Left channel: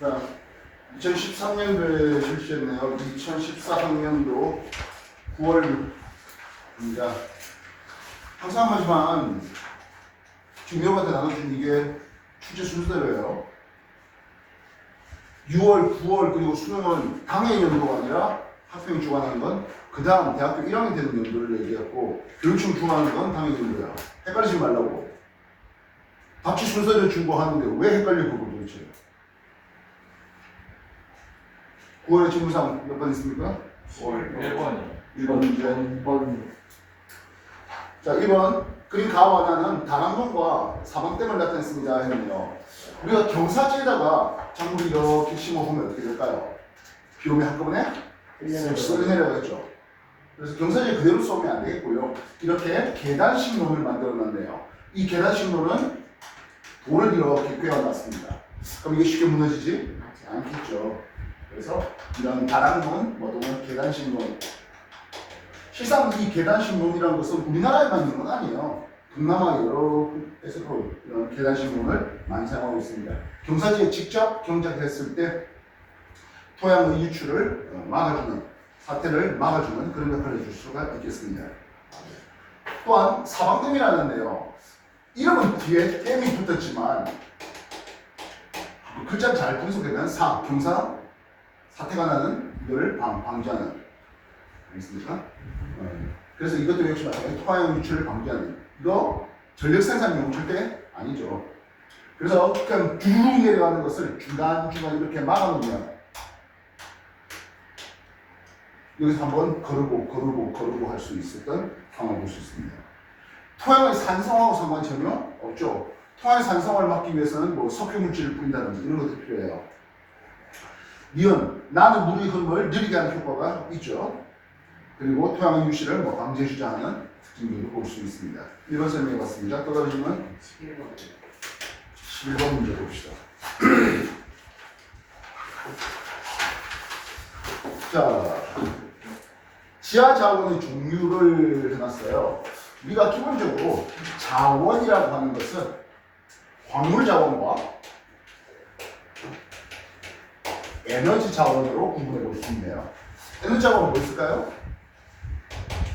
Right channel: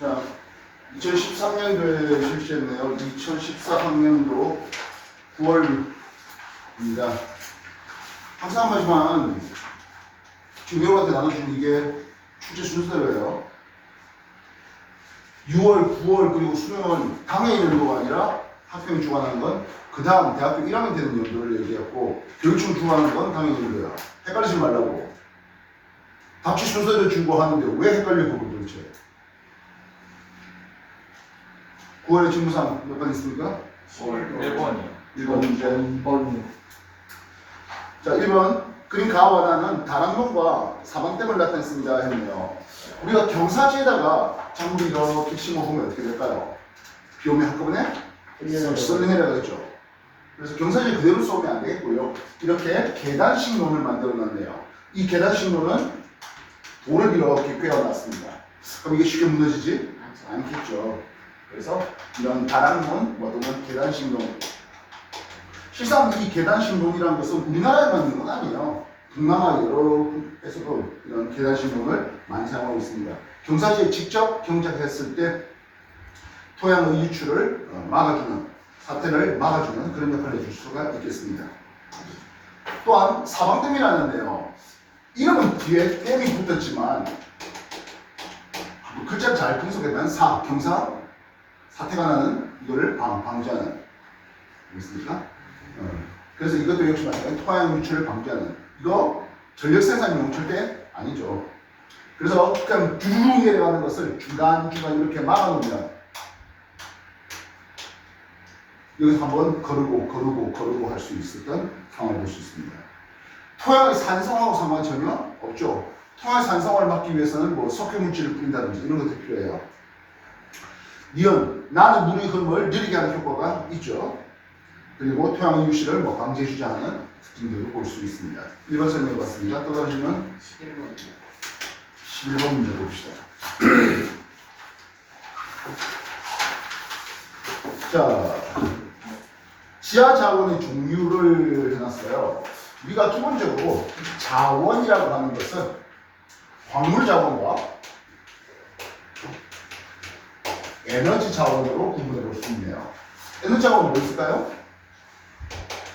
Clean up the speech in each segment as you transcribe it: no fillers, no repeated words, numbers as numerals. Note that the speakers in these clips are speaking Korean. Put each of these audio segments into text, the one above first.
자, 2013년도에 실시했네요. 2014학년도 9월입니다. 항상 하지만 지금 여러분한테 나눠준 이게 출제 순서대로예요. 6월, 9월 그리고 수능은 당해 연도가 아니라 학생이 주관하는 건 그 다음 대학교 1학년 되는 연도를 얘기했고 교육청 주관하는 건 당해 연도야. 헷갈리지 말라고. 답지 순서를 주고 하는데 왜 헷갈리고 도대체? 9월에 직무상 몇 번 있습니까? 1번이요. 1번 문제. 자, 1번 그림 가와나는 다락론과 사방댐을 나타냈습니다 했네요. 우리가 경사지에다가 작물이 이렇게 심어보면 어떻게 될까요? 비 오면 한꺼번에 썰리 내려가겠죠. 그래서 경사지 그대로 쏘면 안 되겠고요. 이렇게 계단식 논을 만들어 놨네요. 이 계단식 논은 돌을 이렇게 꿰어놨습니다. 그럼 이게 쉽게 무너지지? 않겠죠. 그래서 이런 다락론, 또는 계단식 논. 실상 이 계단식 논이라는 것은 우리나라에만 있는 건 아니에요. 동남아 여러 곳에서도 이런 계단식 논을 많이 사용하고 있습니다. 경사지에 직접 경작했을 때 토양의 유출을 막아주는, 사태를 막아주는 그런 역할을 해줄 수가 있겠습니다. 또한 사방댐이라는데요. 이름은 뒤에 댐이 붙었지만 글자 잘 분석하면 경사, 사태가 나는 이거를 방지하는. 알겠습니까? 그래서 이것도 역시 마찬가지로 토양 유출을 방지하는. 이거 전력 생산용 절대 아니죠. 그래서 그냥 두루룩 내려가는 것을 중간중간 이렇게 막아놓으면 여기서 한번 거르고 할 수 있었던 상황을 볼 수 있습니다. 토양의 산성하고 상관이 전혀 없죠. 토양의 산성을 막기 위해서는 뭐 석회물질을 뿌린다든지 이런 것도 필요해요. 니은, 나는 물의 흐름을 느리게 하는 효과가 있죠. 그리고 토양의 유실을 방지해주자 하는 특징들을 볼 수 있습니다. 1번 설명해봤습니다. 떨어지면 11번 문제 봅시다. 자, 지하 자원의 종류를 해놨어요. 우리가 기본적으로 자원이라고 하는 것은 광물 자원과 에너지 자원으로 구분해 볼 수 있네요. 에너지 자원은 뭐 있을까요?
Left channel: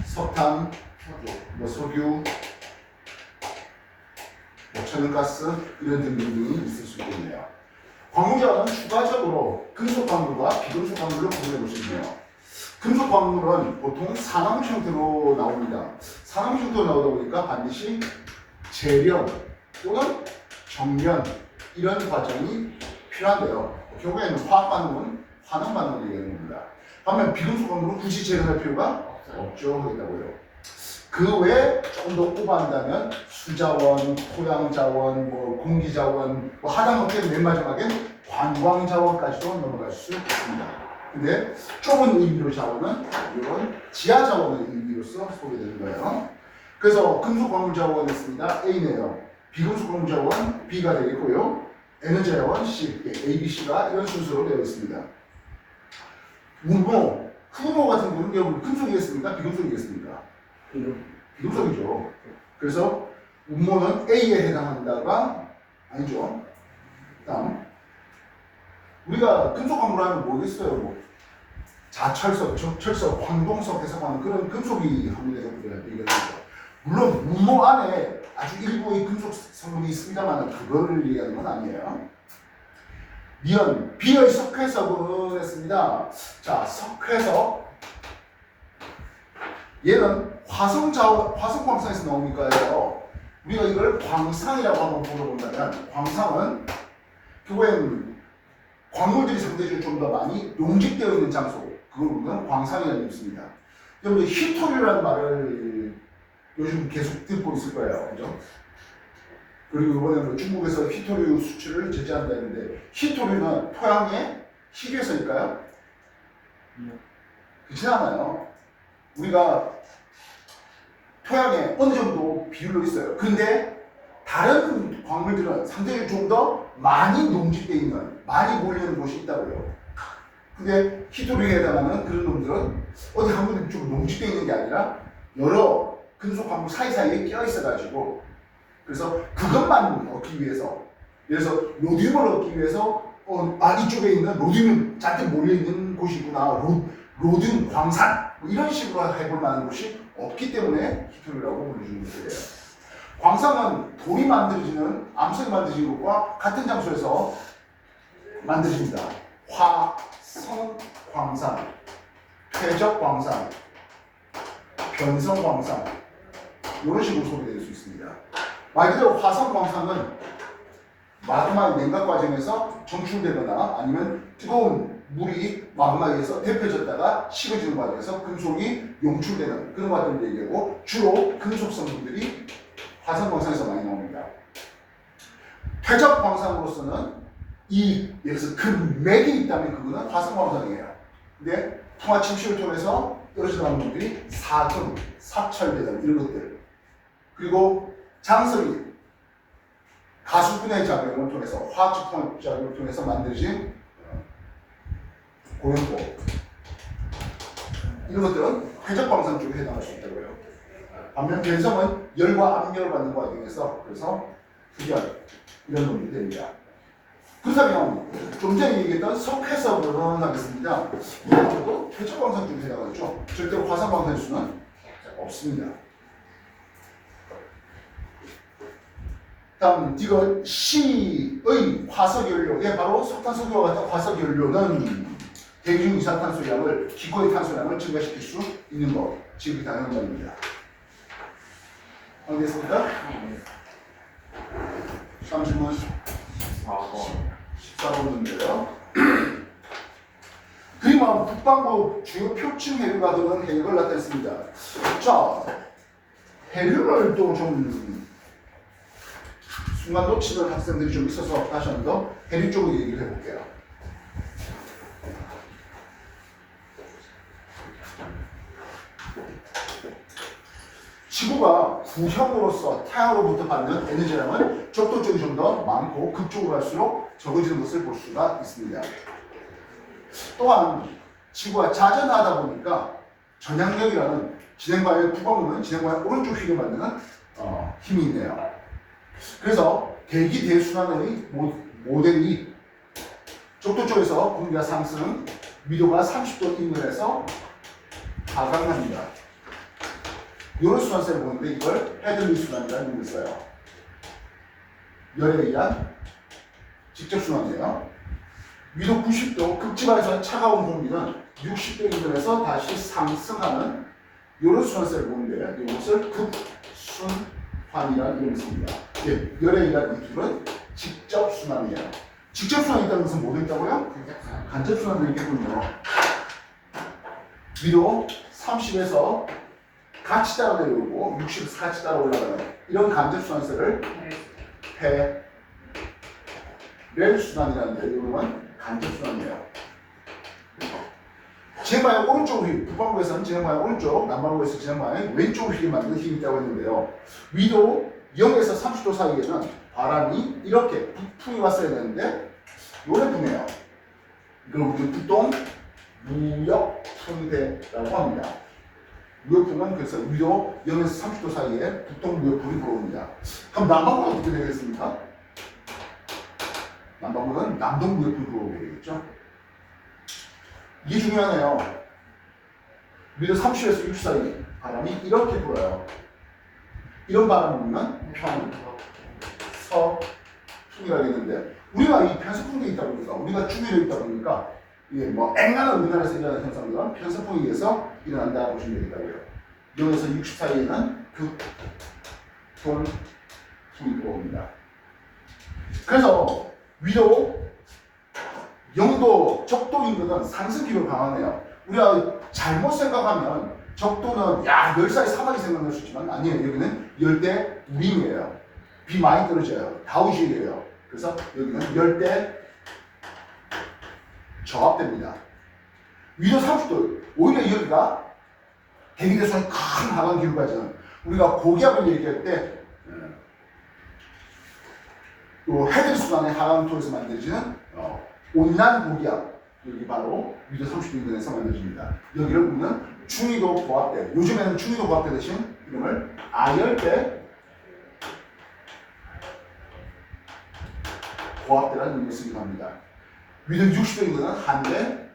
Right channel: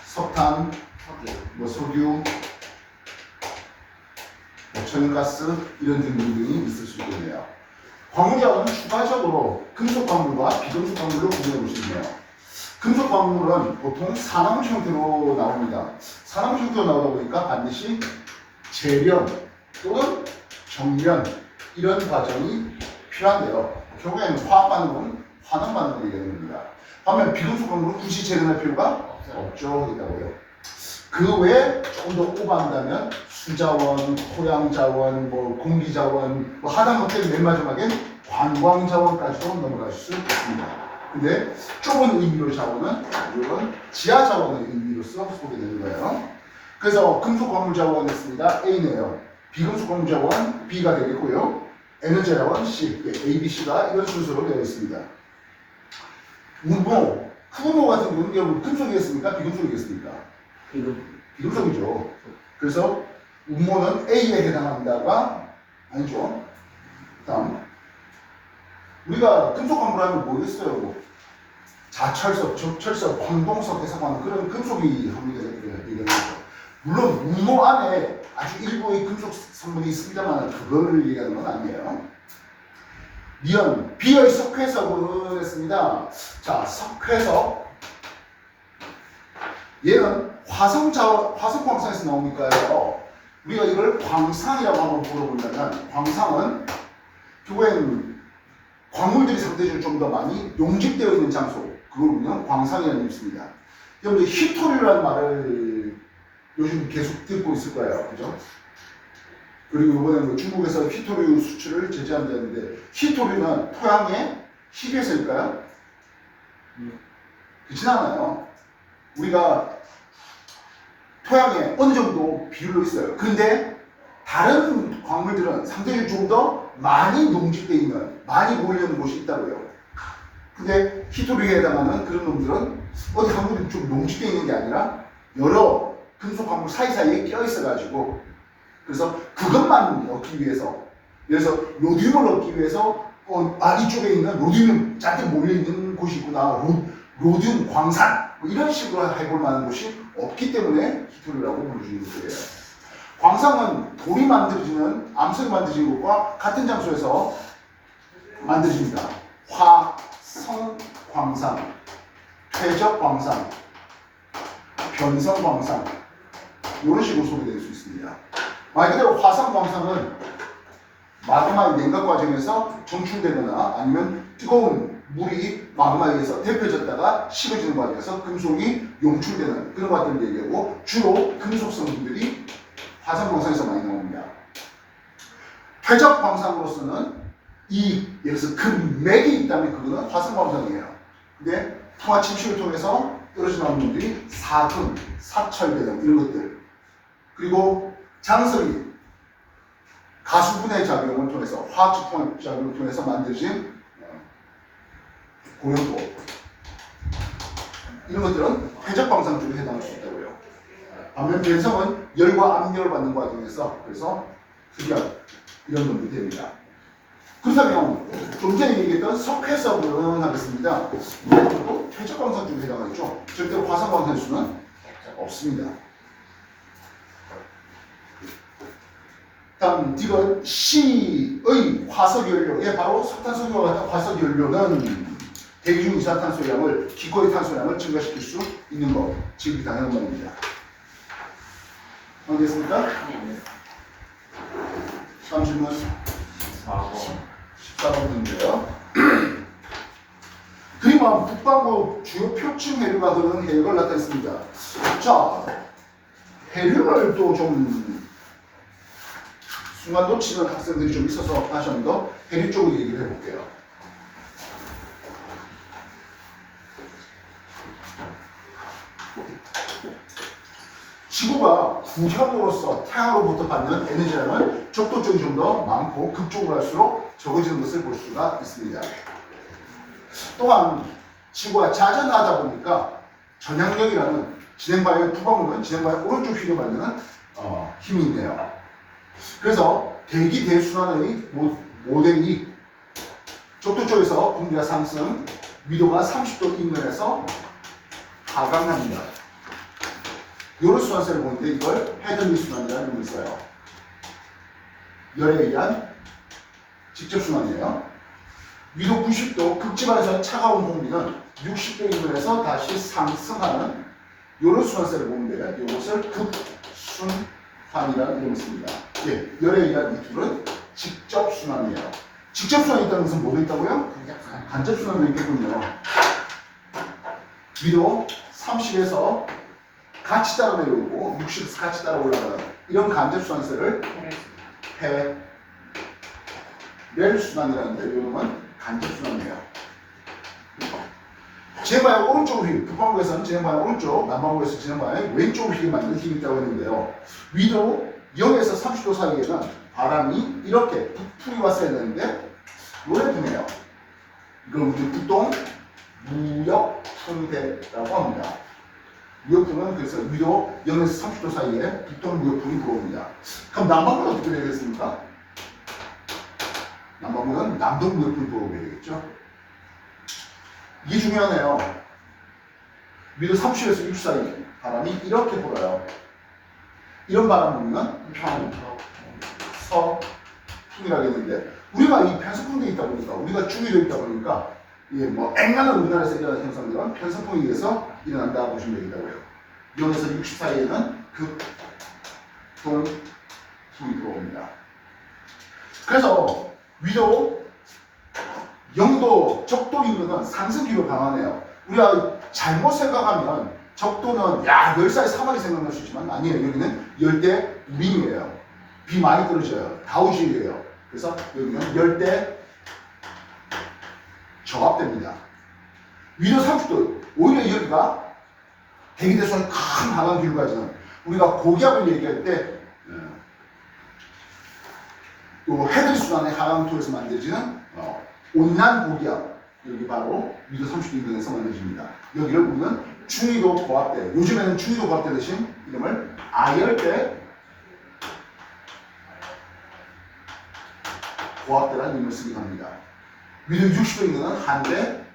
석탄, 석유, 천연가스 이런 등등이 있을 수 있겠네요. 광물 자원은 추가적으로 금속 광물과 비금속 광물로 구분해 볼 수 있네요. 금속 광물은 보통 산화물 형태로 나옵니다. 산화물 형태로 나오다 보니까 반드시 재련 또는 정련 이런 과정이 필요한데요. 결국에는 화학 반응은 환원 반응을 얘기하는 겁니다. 반면 비금속 광물은 굳이 재련할 필요가 없죠. 하겠다고요. 그 외에 조금 더 오버한다면 수자원, 토양자원, 공기자원, 하다못해 맨 마지막엔 관광자원까지도 넘어갈 수 있습니다. 근데 좁은 의미로 자원은 이런 지하 자원의 의미로서 소개되는 거예요. 그래서 금속 광물 자원 했습니다. A네요. 비금속 광물 자원 B가 되겠고요. 에너지 자원 C, A, B, C가 이런 순서로 되어 있습니다. 우모, 흑우모 같은 경우는 여러분 금속이겠습니까? 비금속이겠습니까? 비금속이죠. 그래서 우모는 A에 해당한다가 아니죠. 다음 우리가 금속 광물 하면 뭐겠어요? 자철석, 적철석, 황동석 해석하는 그런 금속이 합리가 얘기하죠. 물론 우모 안에 아주 일부의 금속 성분이 있습니다만 그거를 얘기하는 건 아니에요. 니은, B의 석회석은 했습니다. 자, 석회석. 얘는 화성 광산에서 나오니까요. 우리가 이걸 광상이라고 한번 물어본다면, 광상은 결국엔 광물들이 상대적으로 좀 더 많이 용집되어 있는 장소, 그걸 우리는 광상이라는 뜻입니다. 여러분, 히토류라는 말을 요즘 계속 듣고 있을 거예요. 그죠? 그리고 이번에 중국에서 히토류 수출을 제재한다는데, 히토류는 토양의 희괴서일까요? 그렇지 않아요. 우리가 토양에 어느 정도 비율로 있어요. 근데 다른 광물들은 상대적으로 좀 더 많이 농집되어 있는, 많이 몰려있는 곳이 있다고요. 근데 히토류에 해당하는 그런 놈들은 어디 한 군데 좀 농집되어 있는 게 아니라 여러 금속 광물 사이사이에 껴 있어가지고 그래서 그것만 얻기 위해서, 그래서 로듐을 얻기 위해서 이쪽에 있는 로듐이 잔뜩 몰려있는 곳이구나. 로듐 광산. 뭐 이런 식으로 해볼 만한 곳이 없기 때문에 히토리라고 불러주는 거예요. 광산은 돌이 만들어지는, 암석이 만들어지는 것과 같은 장소에서 만들어집니다. 화성 광산, 퇴적 광산, 변성 광산, 이런 식으로 소개될 수 있습니다. 말 그대로 화성 광산은 마그마의 냉각 과정에서 정출되거나 아니면 뜨거운 물이 마그마에서 데펴졌다가 식어지는 과정에서 금속이 용출되는 그런 과정을 얘기하고, 주로 금속 성분들이 화성 광산에서 많이 나옵니다. 퇴적 광산으로서는 예를 들어서 금맥이 있다면 그거는 화성 광산이에요. 근데 풍화 침식을 통해서 떨어져 나온 분들이 사금, 사철대등 이런 것들, 그리고 장석이 가수분해 작용을 통해서, 화학적 통합 작용을 통해서 만들어진 고연토, 이런 것들은 퇴적광산 쪽에 해당할 수 있다고요. 반면 변성은 열과 압력을 받는 과정에서, 그래서 흡연 이런 놈들이 됩니다. 그렇다면 좀 전에 얘기했던 석회석은 하겠습니다. 이것도 퇴적광산 쪽에 해당하죠. 절대로 화산광산일 수는 없습니다. 다음 이건 C의 화석연료, 바로 석탄석유와 같은 화석연료는 대기 중 이산탄소량을, 기코의 탄소량을 증가시킬 수 있는 거, 지극히 당연한 말입니다. 알겠습니까? 30분 14번인데요. 그림은 북반구 주요 표층 해류가 흐르는 해역을 나타냈습니다. 자, 해류를 또 좀 순간 놓치는 학생들이 좀 있어서 다시 한 번 더 해류 쪽으로 얘기를 해볼게요. 지구가 구형으로서 태양으로부터 받는 에너지량은 적도 쪽이 좀 더 많고 극쪽으로 갈수록 적어지는 것을 볼 수가 있습니다. 또한 지구가 자전하다 보니까 전향력이라는 진행바의 북반구는 진행바의 오른쪽 휘를 만드는 힘이 있네요. 그래서 대기 대순환의 모델이 적도 쪽에서 공기가 상승, 위도가 30도 인근에서 하강합니다. 이런 순환세를 보는데 이걸 헤들리 순환이라는 이름을 써요. 열에 의한 직접 순환이에요. 위도 90도, 극지방에서는 차가운 공기는 60도 인근에서 다시 상승하는 이런 순환세를 보는데요. 이것을 급순환이라는 이름을 씁니다. 예, 열에 의한 이 둘은 직접 순환이에요. 직접 순환이 있다는 것은 뭐가 있다고요? 간접 순환도 있겠군요. 위도 30에서 같이 따라 내려오고 60에서 같이 따라 올라가는 이런 간접 순환세를 패렐 순환이라는데, 이거는 간접 순환이에요. 진행방향 오른쪽 휠, 북반구에서는 진행방향 오른쪽, 남반구에서 진행방향 왼쪽 휠이 만드는 힘이 있다고 했는데요. 위도 0에서 30도 사이에는 바람이 이렇게 북풍이 왔어야 되는데 요래 부네요. 이걸 우리 보통 무역풍대라고 합니다. 무역풍은 그래서 위도 0에서 30도 사이에 북동 무역풍이 불어옵니다. 그럼 남반구는 어떻게 되겠습니까? 남반구는 남동 무역풍이 불어오게 되겠죠. 이게 중요하네요. 위도 30에서 60 사이 바람이 이렇게 불어요. 이런 바람 불면 편서풍이라고 했는데, 우리가 이 편서풍대에 있다 보니까, 우리가 중위도에 있다 보니까 이게 뭐 앵간한 우리나라에서 일어나는 현상들은 편서풍에 의해서 일어난다 보시면 되겠다고요. 0에서 60 사이에는 극동풍이 들어옵니다. 그래서 위도 0도 적도 인근은 상승기로 강하네요. 우리가 잘못 생각하면 적도는 열사의 사막이 생각날 수 있지만 아니에요. 여기는 열대 우림이에요. 비 많이 떨어져요. 다우지예요. 그래서 여기는 열대 저압됩니다. 위도 30도, 오히려 여기가 대기대수의 큰 하강 기울가 가지는, 우리가 고기압을 얘기할 때 헤드리 순환의 하강토에서 만들어지는 온난 고기압, 여기 바로 위도 30도 인근에서 만들어집니다. 여기를 우리는 중위도 고압대, 요즘에는 중위도 고압대 대신 이름을 아열대 고압대라는 이름을 쓰기도 합니다. 위로 60도 있는 한대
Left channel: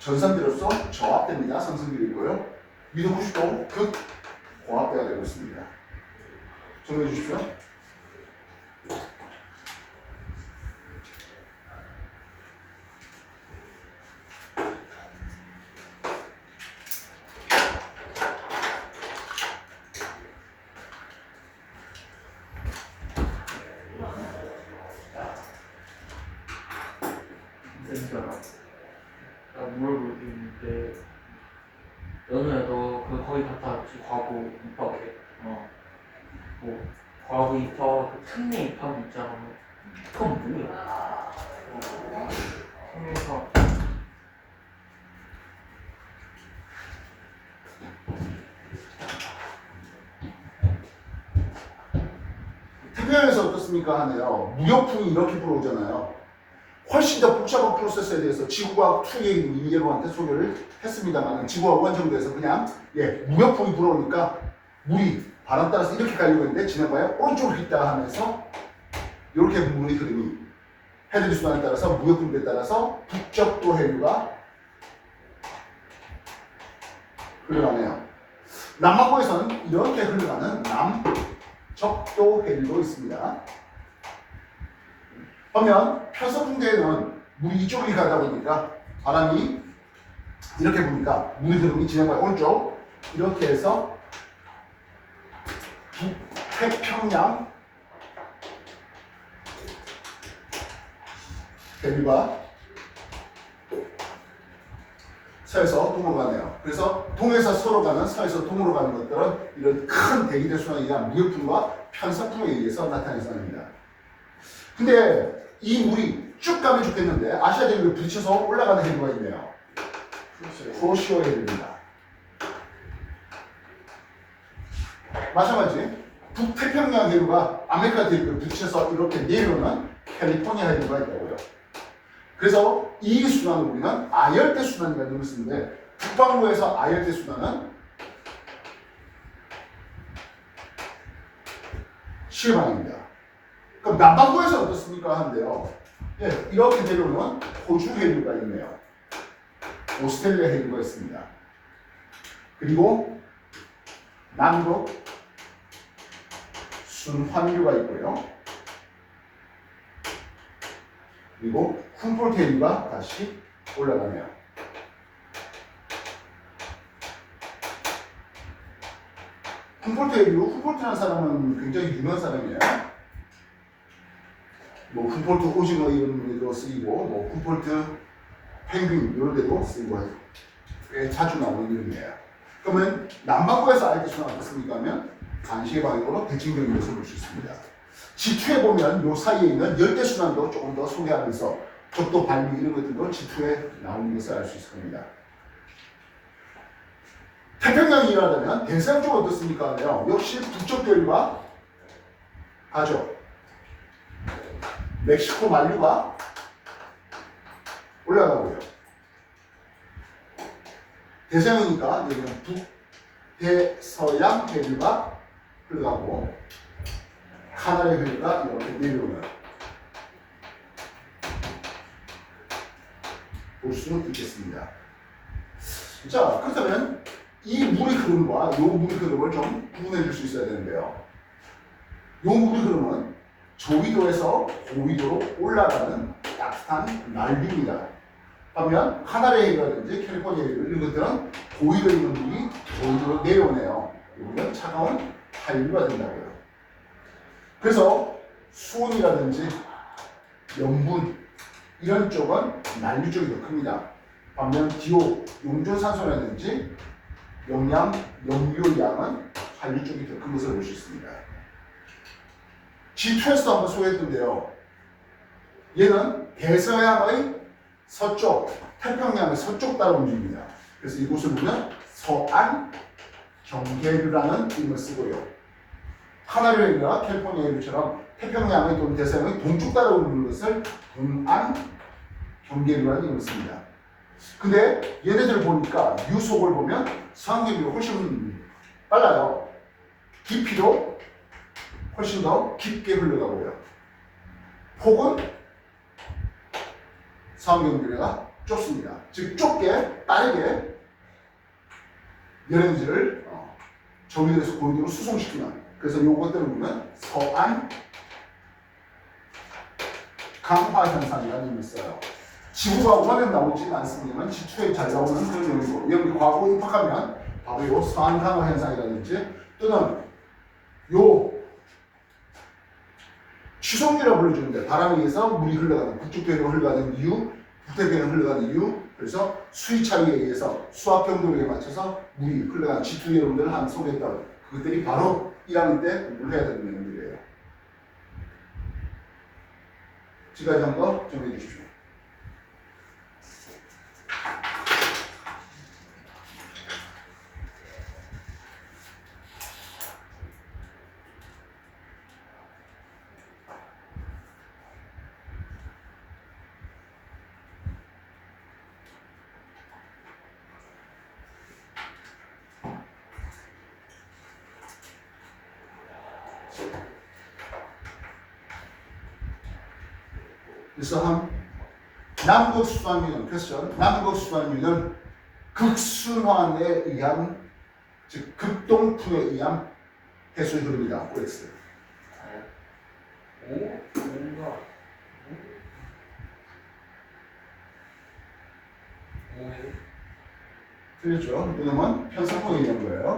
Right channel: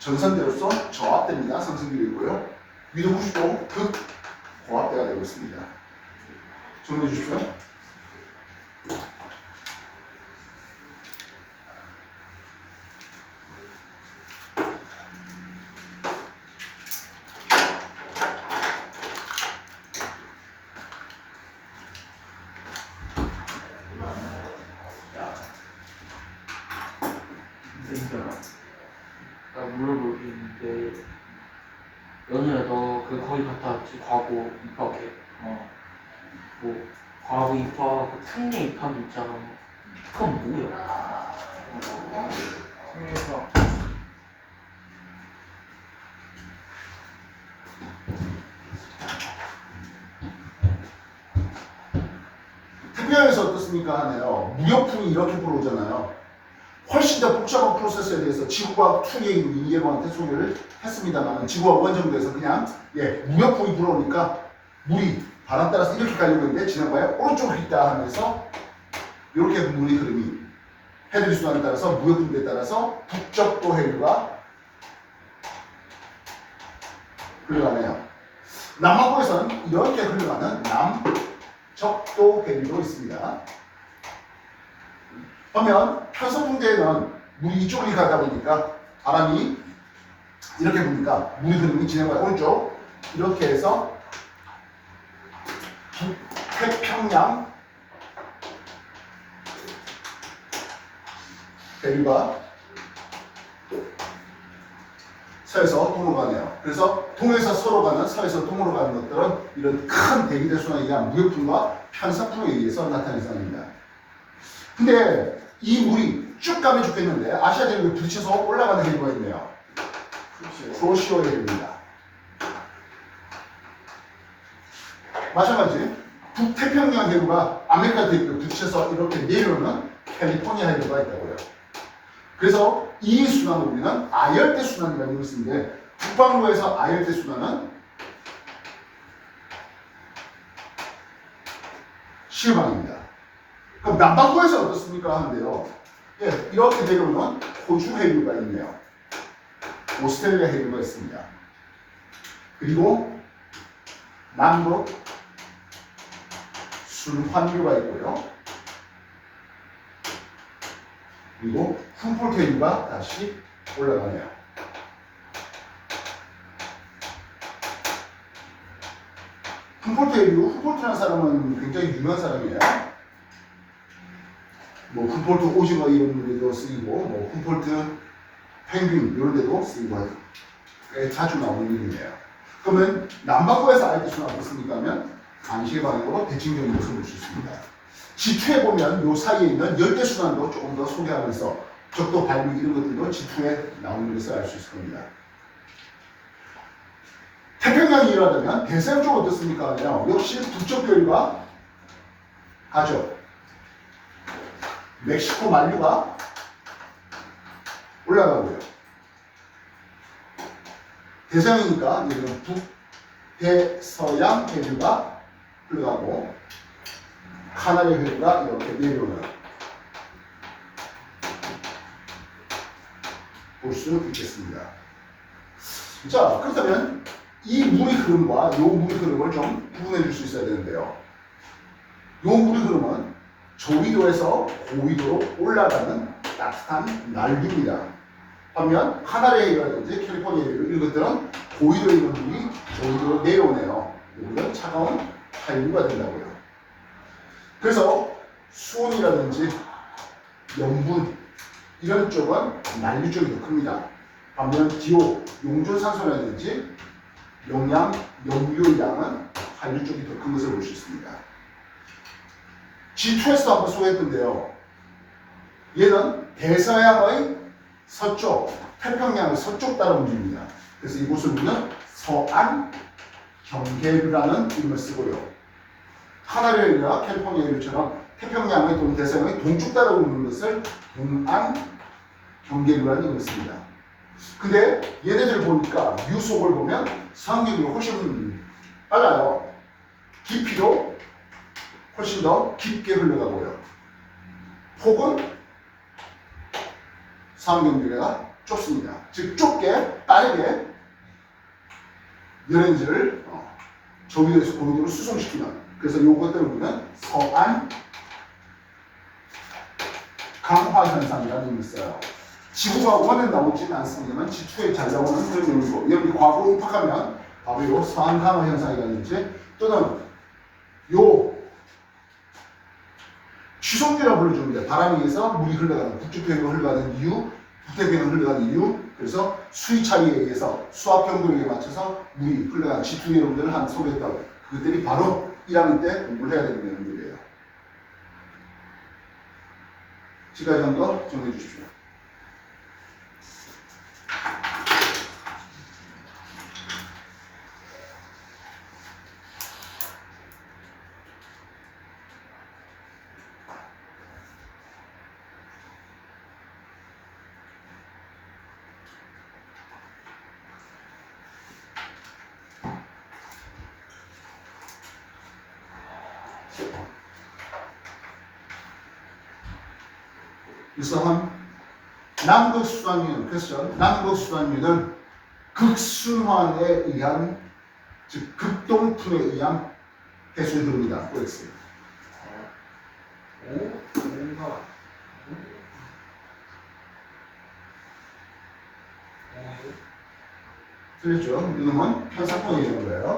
전선대로서 저압됩니다. 상승기로 있고요. 위로 90도 극 고압대가 되고 있습니다. 정리해 주십시오. 나 물어볼 게 있는데 연우야 너 그 거기 갔다 왔지 과거 입학해 뭐 과거 입학 그 특례 입학 있잖아 그건 뭐야? 그래서 태평양에서 어떻습니까 하네요. 무역풍이 이렇게 불어오잖아요. 훨씬 더 복잡한 프로세스에 대해서 지구과학 2의 이해로한테 소개를 했습니다만 지구과학 1 정도에서 그냥 무역풍이 불어오니까 물이 바람 따라서 이렇게 가려고 했는데 지나가야 오른쪽으로 있다 하면서 이렇게 물의 흐름이 해류의 순환에 따라서 무역풍에 따라서 북적도 해류가 흘러가네요. 남반구에서는 이렇게 흘러가는 남적도 해류도 있습니다. 반면 편서풍대에는 물이 이쪽으로 가다 보니까 바람이 이렇게 부니까 물의 흐름이 진행과 오른쪽 이렇게 해서 북태평양 해류가 서에서 동으로 가네요. 그래서 동에서 서로 가는 서에서 동으로 가는 것들은 이런 큰 대기대 순환에 의한 무역풍과 편서풍에 의해서 나타나는 현상입니다. 근데 이 물이 쭉 가면 좋겠는데 아시아 대륙에 부딪혀서 올라가는 해류가 있네요. 크로시오 해류입니다. 마찬가지 북태평양 해류가 아메리카 대륙에 부딪혀서 이렇게 내려오는 캘리포니아 해류가 있다고요. 그래서 이 순환을 우리는 아열대 순환이라는 것을 쓰는데 북반구에서 아열대 순환은 시음항입니다. 그럼 남반구에서 어떻습니까 하는데요. 이렇게 내려오는 호주 해류가 있네요. 오스트레일리아 해류가 있습니다. 그리고 남극 순환류가 있고요. 그리고 훔폴트 해류가 다시 올라가네요. 훔폴트 해류, 훔폴트라는 사람은 굉장히 유명한 사람이에요. 뭐 훔폴트 오징어 이런 데도 쓰이고 뭐 훔폴트 펭귄 이런 데도 쓰이고 꽤 자주 나오는 이름이에요. 그러면 남반구에서 알게 수는 어떻습니까 하면 반시계 방향으로 대칭경로에서 볼 수 있습니다. G2에 보면 요 사이에 있는 열대순환도 조금 더 소개하면서 적도 발류 이런 것들도 G2에 나오는 것을 알 수 있을 겁니다. 태평양이 일어나면 대서양 쪽은 어떻습니까 하면 역시 북쪽 교류가 가죠. 멕시코 만류가 올라가고요. 대서양이니까 여기는 북대서양 해류가 흘러가고 카나리 해류가 이렇게 내려오는 볼 수 있겠습니다. 자, 그렇다면 이 물의 흐름과 이 물의 흐름을 좀 구분해 줄 수 있어야 되는데요. 이 물의 흐름은 저위도에서 고위도로 올라가는 따뜻한 난류입니다. 반면 카나리 해류라든지 캘리포니아 해류 이런 것들은 고위도에 있는 물이 저위도로 내려오네요. 이거는 차가운 한류가 된다고요. 그래서 수온이라든지 염분 이런 쪽은 난류 쪽이 더 큽니다. 반면 기호, 용존산소라든지 영양, 염류의 양은 한류 쪽이 더 큰 것을 볼 수 있습니다. G2에서도 한번 소개했던데요. 얘는 대서양의 서쪽, 태평양의 서쪽 따라 움직입니다. 그래서 이곳을 보면 서안 경계류라는 이름을 쓰고요. 카나리 해류가 캘리포니아 해류처럼 태평양의 또는 대서양의 동쪽 따라 오는 것을 동안 경계류라는 이름을 씁니다. 근데 얘네들 보니까 유속을 보면 상경이 훨씬 빨라요. 깊이도 훨씬 더 깊게 흘러가고요. 폭은 상경비례가 좁습니다. 즉 좁게 빠르게 열에너지를 저기도에서 고위도로 수송시키는, 그래서 요것들을 우리는 서안 강화 현상이라는 의미를 써요. 지구가 원은 나오지는 않습니다만 지투에 잘 나오는 그런 용이고, 여기 과거에 입학하면 바로 요 서안 강화 현상이라든지 또는 요 취속류라 불러주는데, 바람에 의해서 물이 흘러가는, 북쪽편으로 흘러가는 이유, 북태편으로 흘러가는 이유, 그래서 수위 차이에 의해서 수압 경도에 맞춰서 물이 흘러가는 G2 여러분들 한 소개했던 그것들이 바로 1학년 때 공부를 해야 되는 내용들이에요. 지금까지 한 거 정리해 주십시오. 그래서 남극수단류는, 퀘스천, 남극수단류는 극순환에 의한, 즉 극동풍에 의한 해수의 흐름이다. OX. 뭔가 틀렸죠? 이놈은 편성풍에 의한 거예요.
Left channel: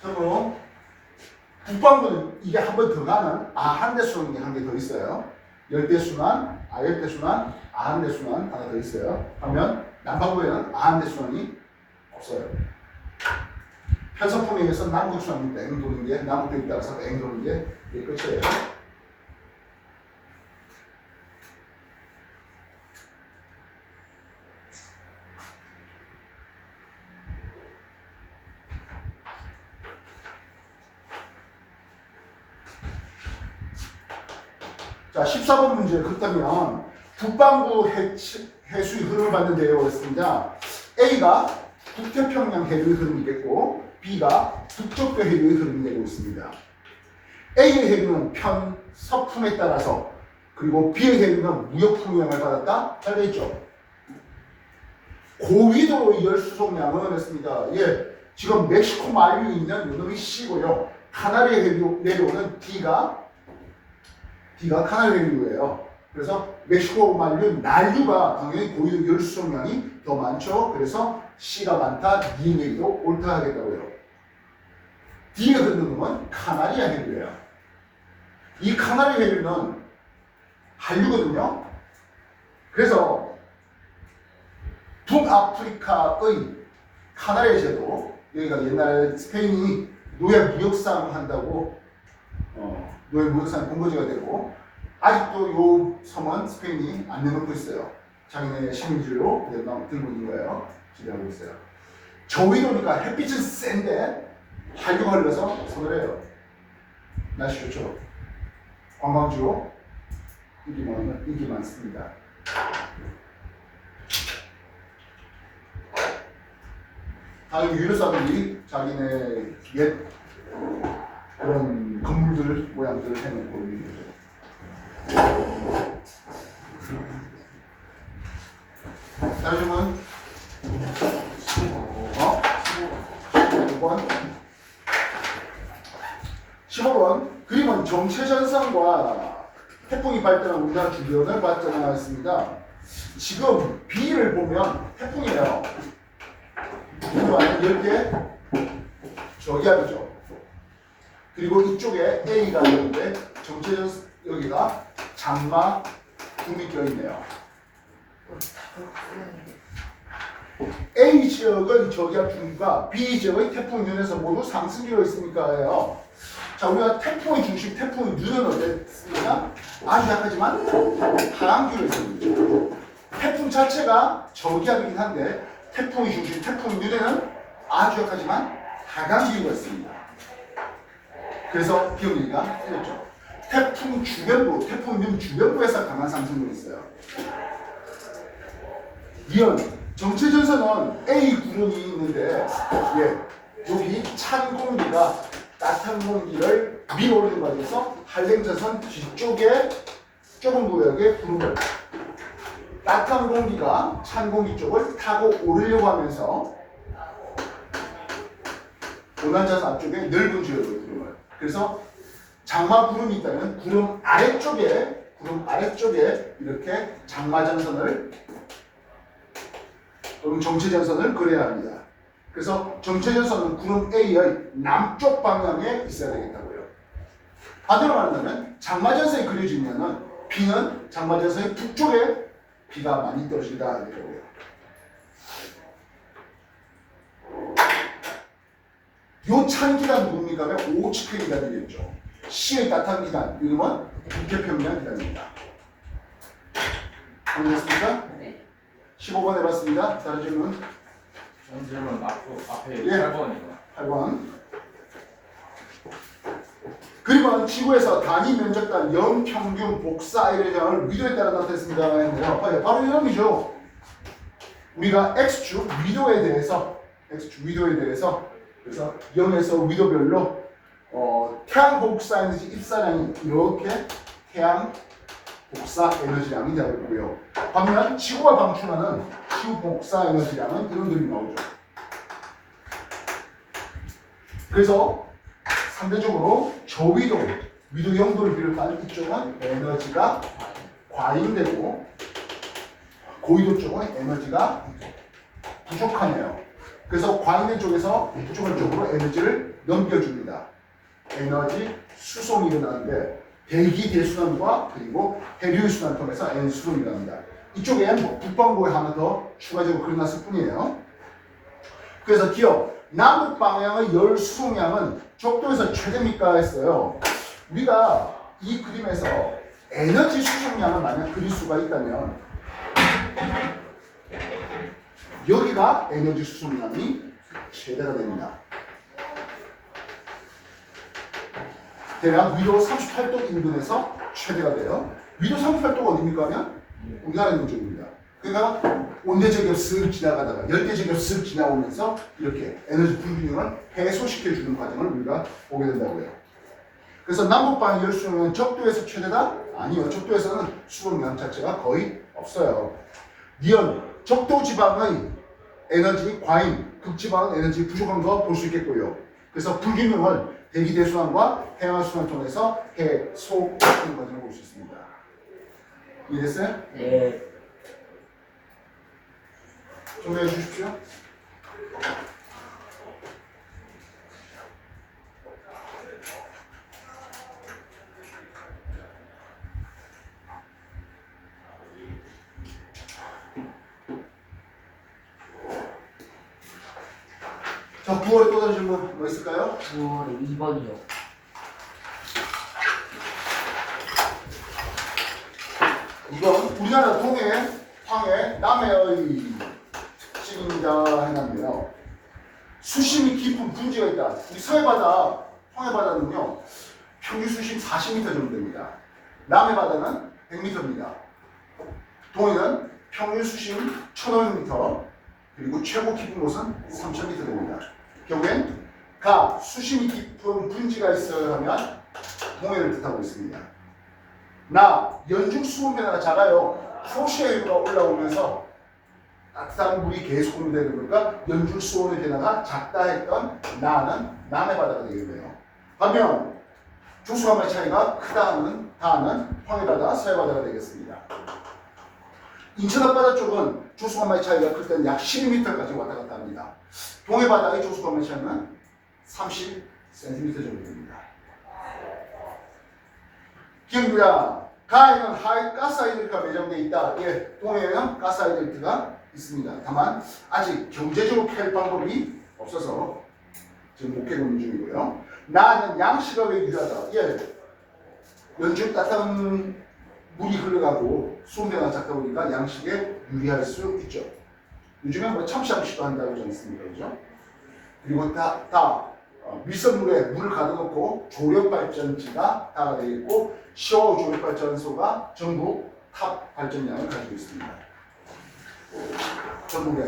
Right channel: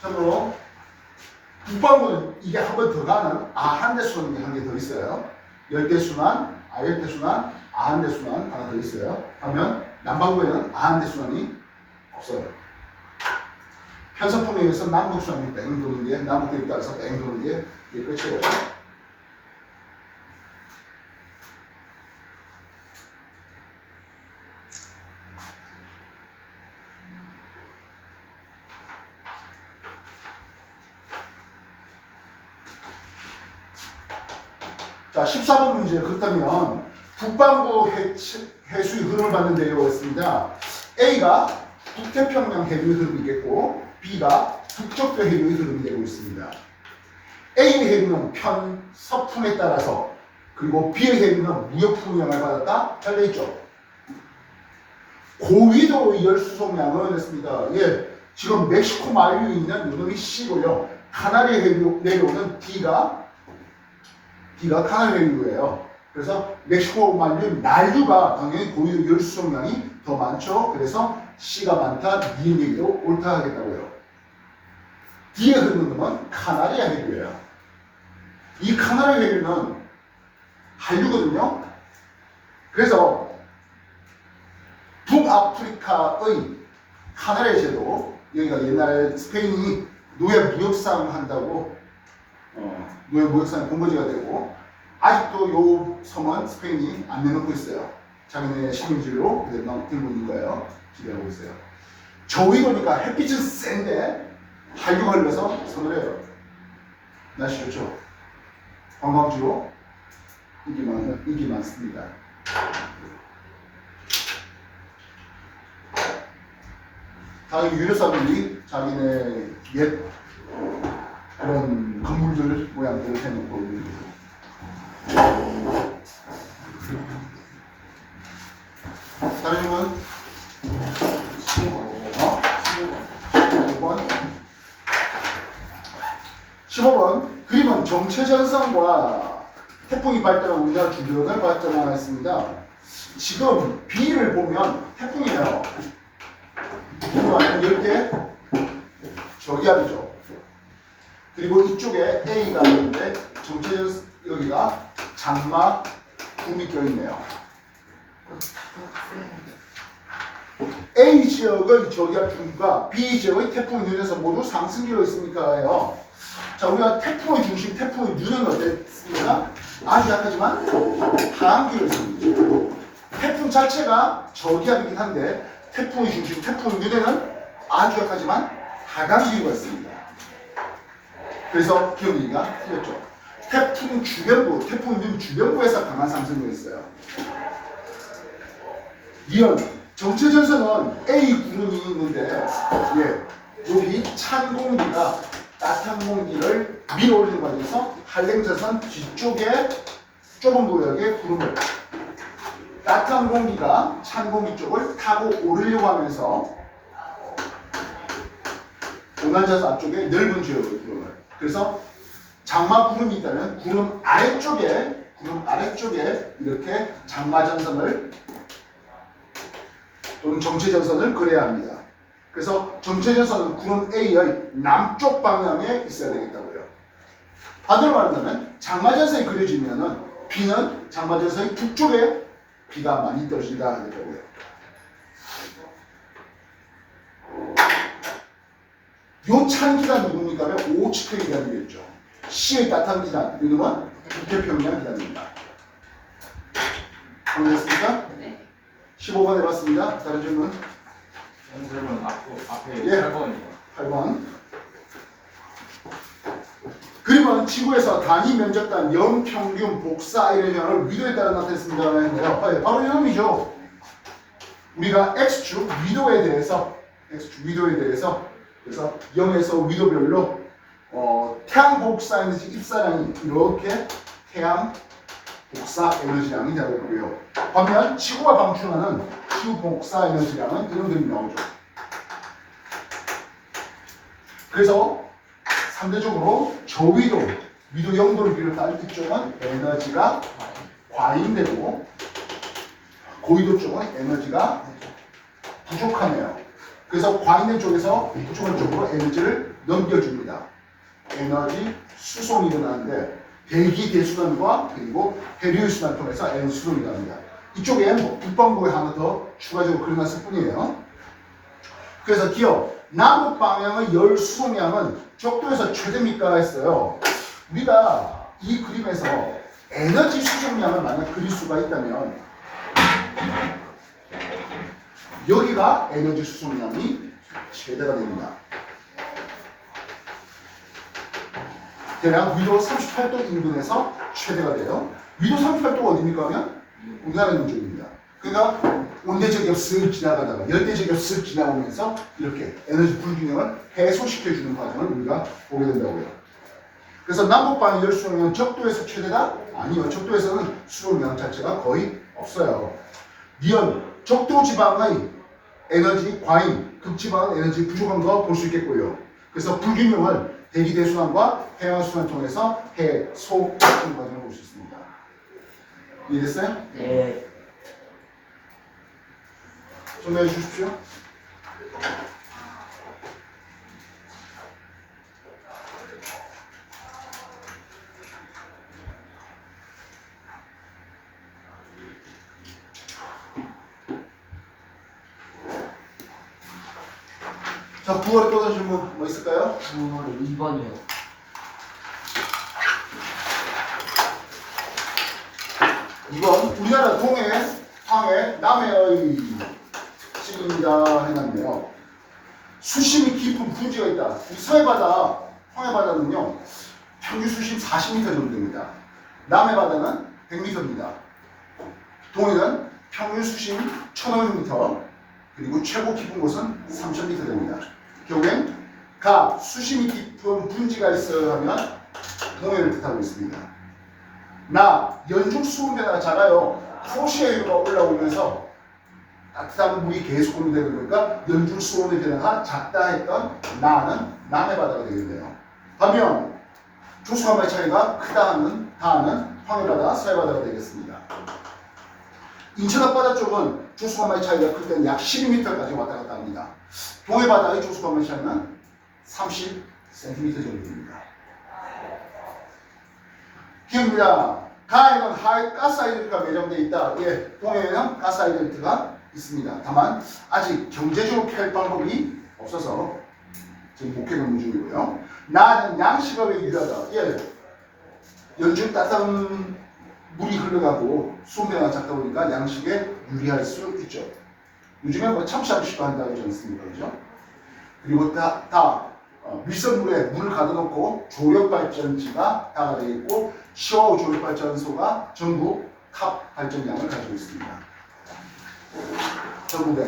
참고로 북반구는 이게 한 번 더 가는 아한대순환이 한 개 더 있어요. 열대순환, 아열대순환, 아한대순환 하나 더 있어요. 하면 남반구에는 아한대순환이 없어요. 편성풍에 의해서 남극순환이 땡 도는 게, 남극도에 따라서 땡 도는 게 이게 끝이에요. 자, 14번 문제. 그렇다면 북반구 해수의 흐름을 받는 내용이었습니다. A가 북태평양 해류의 흐름이 있겠고 B가 북쪽도 해류의 흐름이 되고 있습니다. A의 해류는 편서풍에 따라서, 그리고 B의 해류는 무역풍 영향을 받았다. 잘 되어있죠? 고위도 열수송량은 했습니다. 예, 지금 멕시코 만류에 있는 요놈이 C고요. 카나리 해류 내려오는 D가 카나리 해류예요. 그래서 멕시코 만류 난류가 당연히 고위도 열수송량이 더 많죠. 그래서 C가 많다. D의 얘기도 옳다 하겠다고요. D에 흐르는 건 카나리아 해류예요. 이 카나리 해류는 한류거든요. 그래서 북아프리카의 카나리아 제도, 여기가 옛날에 스페인이 노예 무역상 한다고 노예 무역상 본거지가 되고, 아직도 요 섬은 스페인이 안 내놓고 있어요. 자기네 식민지로 그대로 들고 있는 거예요. 지배하고 있어요. 저위도니까 햇빛은 센데 한류가 흘러서 서늘해요. 날씨 좋죠. 관광지로 인기 많습니다. 다음 유럽사람들이 자기네 옛 그런 건물들 모양들을 해놓고 있는 거죠. 다른 질문? 15번. 15번. 그림은 정체전선과 태풍이 발달한 우리나라 주변을 발전하였습니다. 지금 B를 보면 태풍이에요. 열대 저기압이죠. 그리고 이쪽에 A가 있는데 정체전 여기가 장마 구미 껴있네요. A 지역의 저기압 중과 B 지역의 태풍 윤에서 모두 상승기로 있으니까요. 자, 우리가 태풍의 중심, 태풍의 윤은 어땠습니까? 아주 약하지만 하강기로 있습니다. 태풍 자체가 저기압이긴 한데 태풍의 중심, 태풍 윤에는 아주 약하지만 하강기로 있습니다. 그래서 기억이가 틀렸죠. 태풍 주변부, 태풍 윤 주변부에서 강한 상승이 있어요. 이런 정체전선은 A 구름이 있는데, 예, 여기 찬 공기가 따뜻한 공기를 밀어 올리는 과정에서 한랭자선 뒤쪽에 좁은 구역의 구름을 따뜻한 공기가 찬 공기 쪽을 타고 오르려고 하면서 온난자선 앞쪽에 넓은 지역의 구름을, 그래서 장마 구름이 있다면 구름 아래쪽에 이렇게 장마전선을 또는 정체전선을 그려야 합니다. 그래서 정체전선은 구름 A의 남쪽 방향에 있어야 되겠다고요. 반대로 말하자면 장마전선이 그려지면은 B는 장마전선의 북쪽에 비가 많이 떨어진다 하더라고요. 요 찬 기간 누굽니까 하면 오치표 기간이겠죠. C의 따뜻한 기간, 이름은 북태평양 기간입니다. 정리했습니까? 네. 15번 해봤습니다. 다른 질문? 선생님은 앞에 예. 8번이요. 8번. 그림은 지구에서 단위 면적단 연평균 복사 이래저를 위도에 따라 나타냈습니다. 네, 바로 이놈이죠. 우리가 X축 위도에 대해서 그래서 0에서 위도별로 태양 복사 에너지 입사량이 이렇게 태양 복사 에너지량이 되고요. 반면 지구가 방출하는 지구 복사 에너지량은 이런 그림이 나오죠. 그래서 상대적으로 저위도, 위도 0도를 비롯한 이쪽은 에너지가 과잉되고 고위도 쪽은 에너지가 부족하네요. 그래서 과잉된 쪽에서 부족한 쪽으로 에너지를 넘겨줍니다. 에너지 수송이 일어나는데 대기 대순환과 그리고 해류의 순환을 통해서 에너지 수송이 일어납니다. 이쪽에 북반구에 하나 더 추가적으로 그려놨을 뿐이에요. 그래서 기억 남북 방향의 열 수송량은 적도에서 최대입니까 했어요. 우리가 이 그림에서 에너지 수송량을 만약 그릴 수가 있다면 여기가 에너지 수송량이 최대가 됩니다. 대략 위도 38도 인근에서 최대가 돼요. 위도 38도가 어디입니까 하면 우리나라 있는 쪽입니다. 그러니까 온대적이 쓱 지나가다가 열대적이 쓱 지나오면서 이렇게 에너지 불균형을 해소시켜주는 과정을 우리가 보게 된다고요. 그래서 남북방 열수용량은 적도에서 최대다? 아니요. 적도에서는 수용량 자체가 거의 없어요. 니은 적도 지방의 에너지 과잉, 극지방은 에너지 부족한 거 볼 수 있겠고요. 그래서 불균형을 대기 대순환과 해양 순환을 통해서 해소시키는 과정을 볼 수 있습니다. 이해됐어요? 네. 정리해 주십시오. 자, 9월에 또 다른 질문 뭐 있을까요? 9월에 2번이요. 2번 우리나라 동해, 황해, 남해의 특징이다 해놨네요. 수심이 깊은 분지가 있다. 이 서해바다, 황해바다는요 평균 수심 40m 정도 됩니다. 남해바다는 100m입니다. 동해는 평균 수심 1500m, 그리고 최고 깊은 곳은 3000m 됩니다. 결국엔 가 수심이 깊은 분지가 있어야 하면 동해를 뜻하고 있습니다. 나 연중 수분변화가 작아요. 호시에가 올라오면서 따뜻한 물이 계속 공유되는 거니까 연중 수온의 변화가 작다 했던 나는 남해 바다가 되겠네요. 반면 조수간의 차이가 크다 하는 다는 황해 바다, 서해 바다가 되겠습니다. 인천 앞바다 쪽은 조수간의 차이가 클 때는 약 12m까지 왔다 갔다 합니다. 동해 바다의 조수간의 차이는 30cm 정도 됩니다. 기억입니다. 가에는 가스하이드가 매장되어 있다. 예, 동해에는 가스하이드가 있습니다. 다만 아직 경제적으로 펼 방법이 없어서 지금 목표 근무 중이고요. 나는 양식업에 유리하다. 예, 연중 따뜻한 물이 흘러가고 수온변화가 작다 보니까 양식에 유리할 수 있죠. 요즘에 뭐 참치아저씨도 한다고 하지 않습니까? 그죠? 그리고 밀선물에 물을 가둬놓고 조력발전지가 다가 되어 있고 시어우 조력발전소가 전부 탑 발전량을 가지고 있습니다. 전국이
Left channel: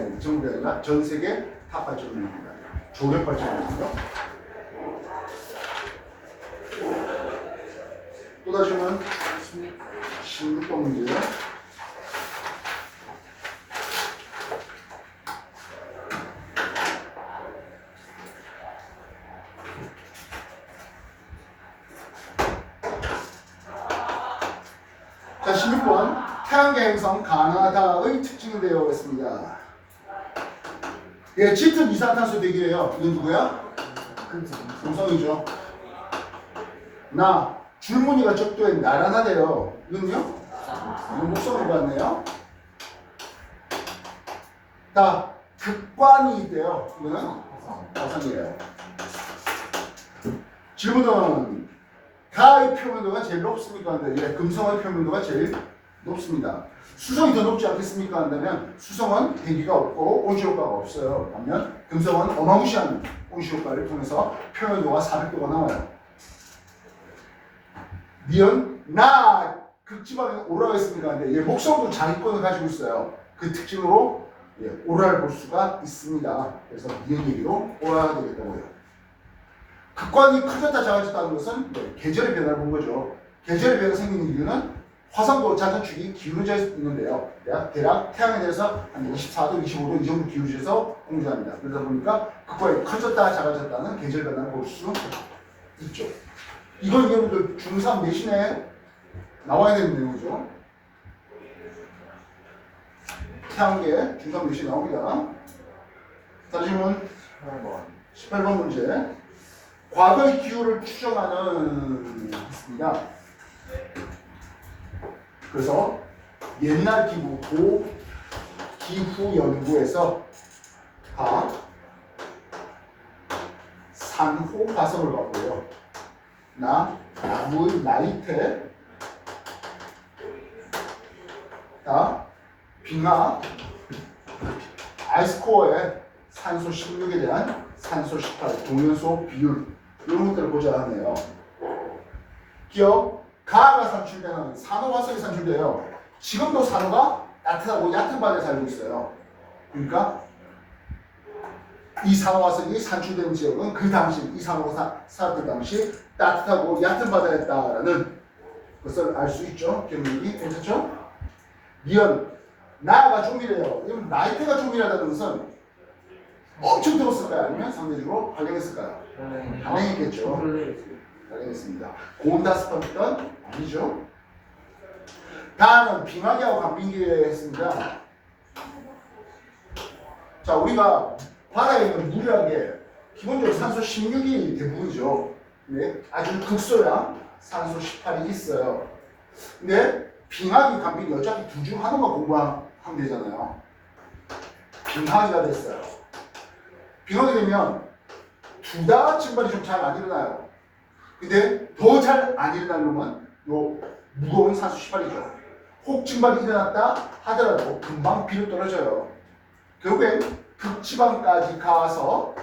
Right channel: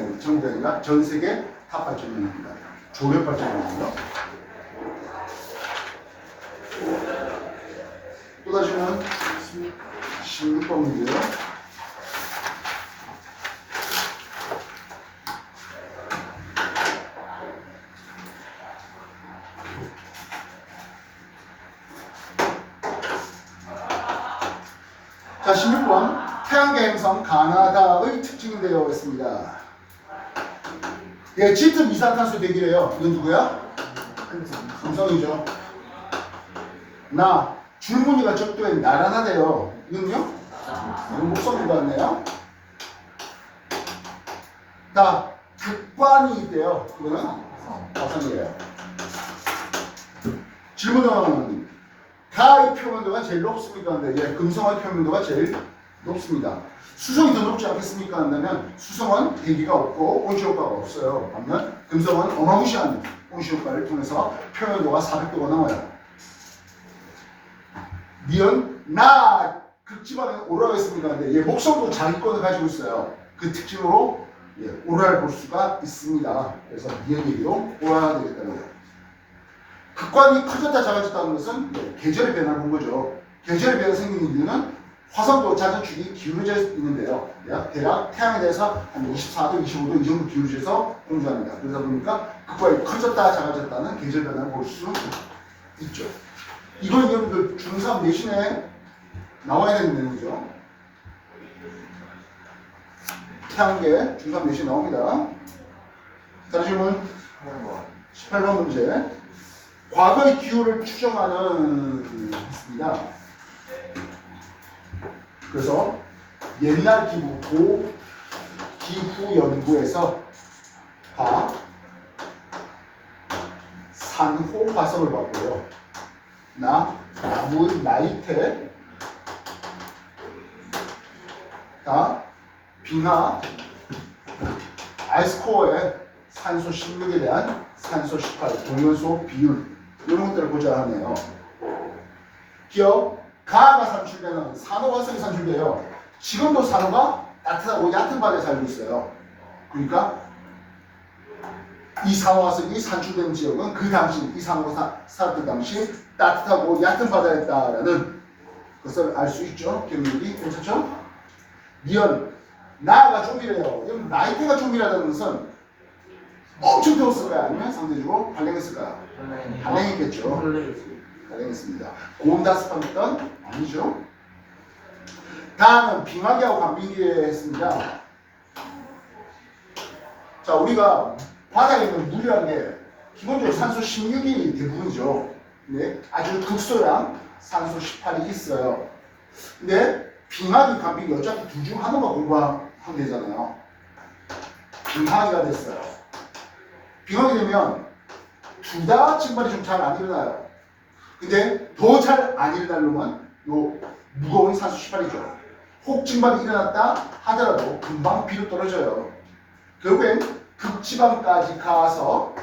아니라 전 세계 탑 발전량입니다. 조력발전이고요. 추가 질문 16번 문제. 자, 16번. 태양계 행성 가나다의 특징인데요. 그랬습니다. 예, 짙은 이산탄소 대기래요. 이건 누구야? 금성이죠. 나, 줄무늬가 적도에 나란하대요. 이건요? 이건 목성인 것 같네요. 다 극관이 있대요. 이거는 화성이에요. 질문은 가의 표면도가 제일 높습니까? 근데 예, 금성의 표면도가 제일 높습니다. 수성이 더 높지 않겠습니까? 한다면 수성은 대기가 없고 온실효과가 없어요. 반면 금성은 어마무시한 온실효과를 통해서 표면도가 400도가 나와요. 니은 나 극지방에 오라가 있습니까? 근데 예, 목성도 자기권을 가지고 있어요. 그 특징으로 예, 오라를 볼 수가 있습니다. 그래서 니은 얘기로 오라가 되겠다고요. 극관이 커졌다 작아졌다는 것은 네, 계절의 변화를 본 거죠. 계절의 변화가 생기는 이유는 화성도 자전축이 기울어져 있는데요. 대략 태양에 대해서 한 24도, 25도 이 정도 기울어져서 공조합니다. 그러다 보니까 극관이 커졌다 작아졌다는 계절 변화를 볼 수 있죠. 이건 여러분들 중3 내신에 나와야 되는 내용이죠. 태양계 중3 내신 나옵니다. 다음 질문 18번 문제. 과거의 기후를 추정하는 있습니다. 그래서 옛날 기후, 기후 연구에서 산호 화성을 봤고요. 나무의 나이테, 빙하, 아이스코어의 산소 16에 대한 산소 18, 동연소 비율 이런 것들을 보자 하네요. 기억, 가가 산출되는 산호화성이 산출돼요. 지금도 산호가 따뜻하고 얕은 바다에 살고 있어요. 그러니까 이 산호화성이 산출되는 지역은 그 당시 이 산호가 살았던 당시 따뜻하고 얕은 바다였다라는 것을 알 수 있죠. 기억력이 괜찮죠? 니은 나가 좀비래요. 그럼 나이테가 좀비라는 것은 엄청 더웠을까요? 아니면 상대적으로 발령했을까요? 발령했겠죠. 발령했습니다. 고온다습한 아니죠. 다음은 빙하기하고 간빙기에 했습니다. 자, 우리가 바다에 있는 물이라는 게 기본적으로 산소 16이 대부분이죠. 근데 아주 극소량 산소 18이 있어요. 근데 빙하기, 간빙기 어차피 둘 중 하나만 공부하면 되잖아요. 빙하기가 됐어요. 빙하기 되면 둘 다 증발이 좀 잘 안 일어나요. 근데 더 잘 안 일어날 놈은 요 무거운 산소 18이죠. 혹 증발이 일어났다 하더라도 금방 비로 떨어져요. 결국엔 극지방까지 가서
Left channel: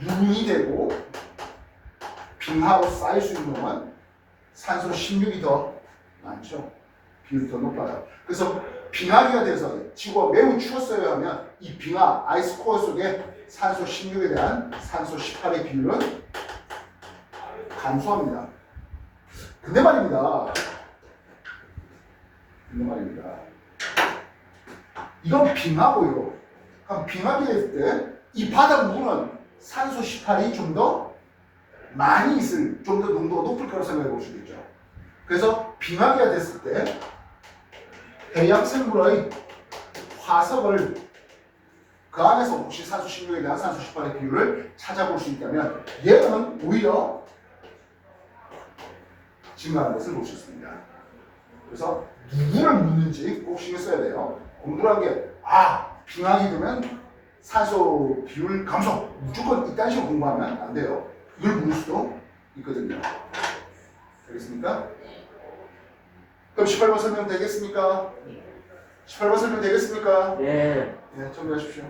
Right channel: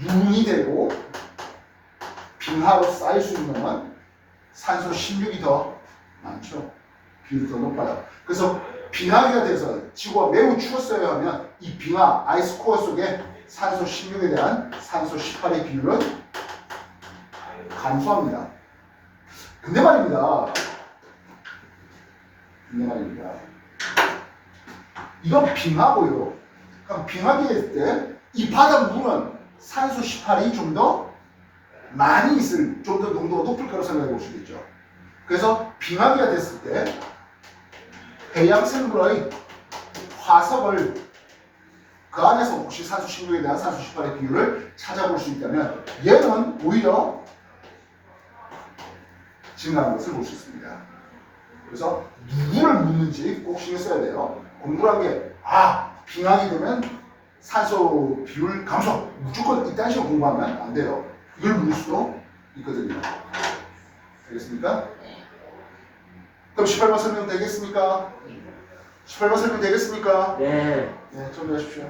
눈이 되고 빙하로 쌓일 수 있는 놈은 산소 16이 더 많죠. 비율이 더 높아요. 그래서 빙하기가 돼서 지구가 매우 추웠어요 하면 이 빙하 아이스코어 속에 산소 16에 대한 산소 18의 비율은 감소합니다. 근데 말입니다. 이건 빙하고요. 그럼 빙하게 됐을 때 이 바닷물은 산소 18이 좀 더 많이 있을, 좀 더 농도가 높을 거라고 생각해 볼 수 있겠죠. 그래서 빙하기가 됐을 때 해양 생물의 화석을 그 안에서 혹시 산소 16에 대한 산소 18의 비율을 찾아볼 수 있다면 얘는 오히려 증가하는 것을 볼 수 있습니다. 그래서 누구를 묻는지 꼭 신경 써야 돼요. 공부란 게 빙하게 되면 산소 비율 감소 무조건 이딴 식으로 공부하면 안 돼요. 이걸 묻을 수도 있거든요. 알겠습니까? 그럼 18번 설명 되겠습니까? 18번 설명 되겠습니까? 네. 네, 정리하십시오.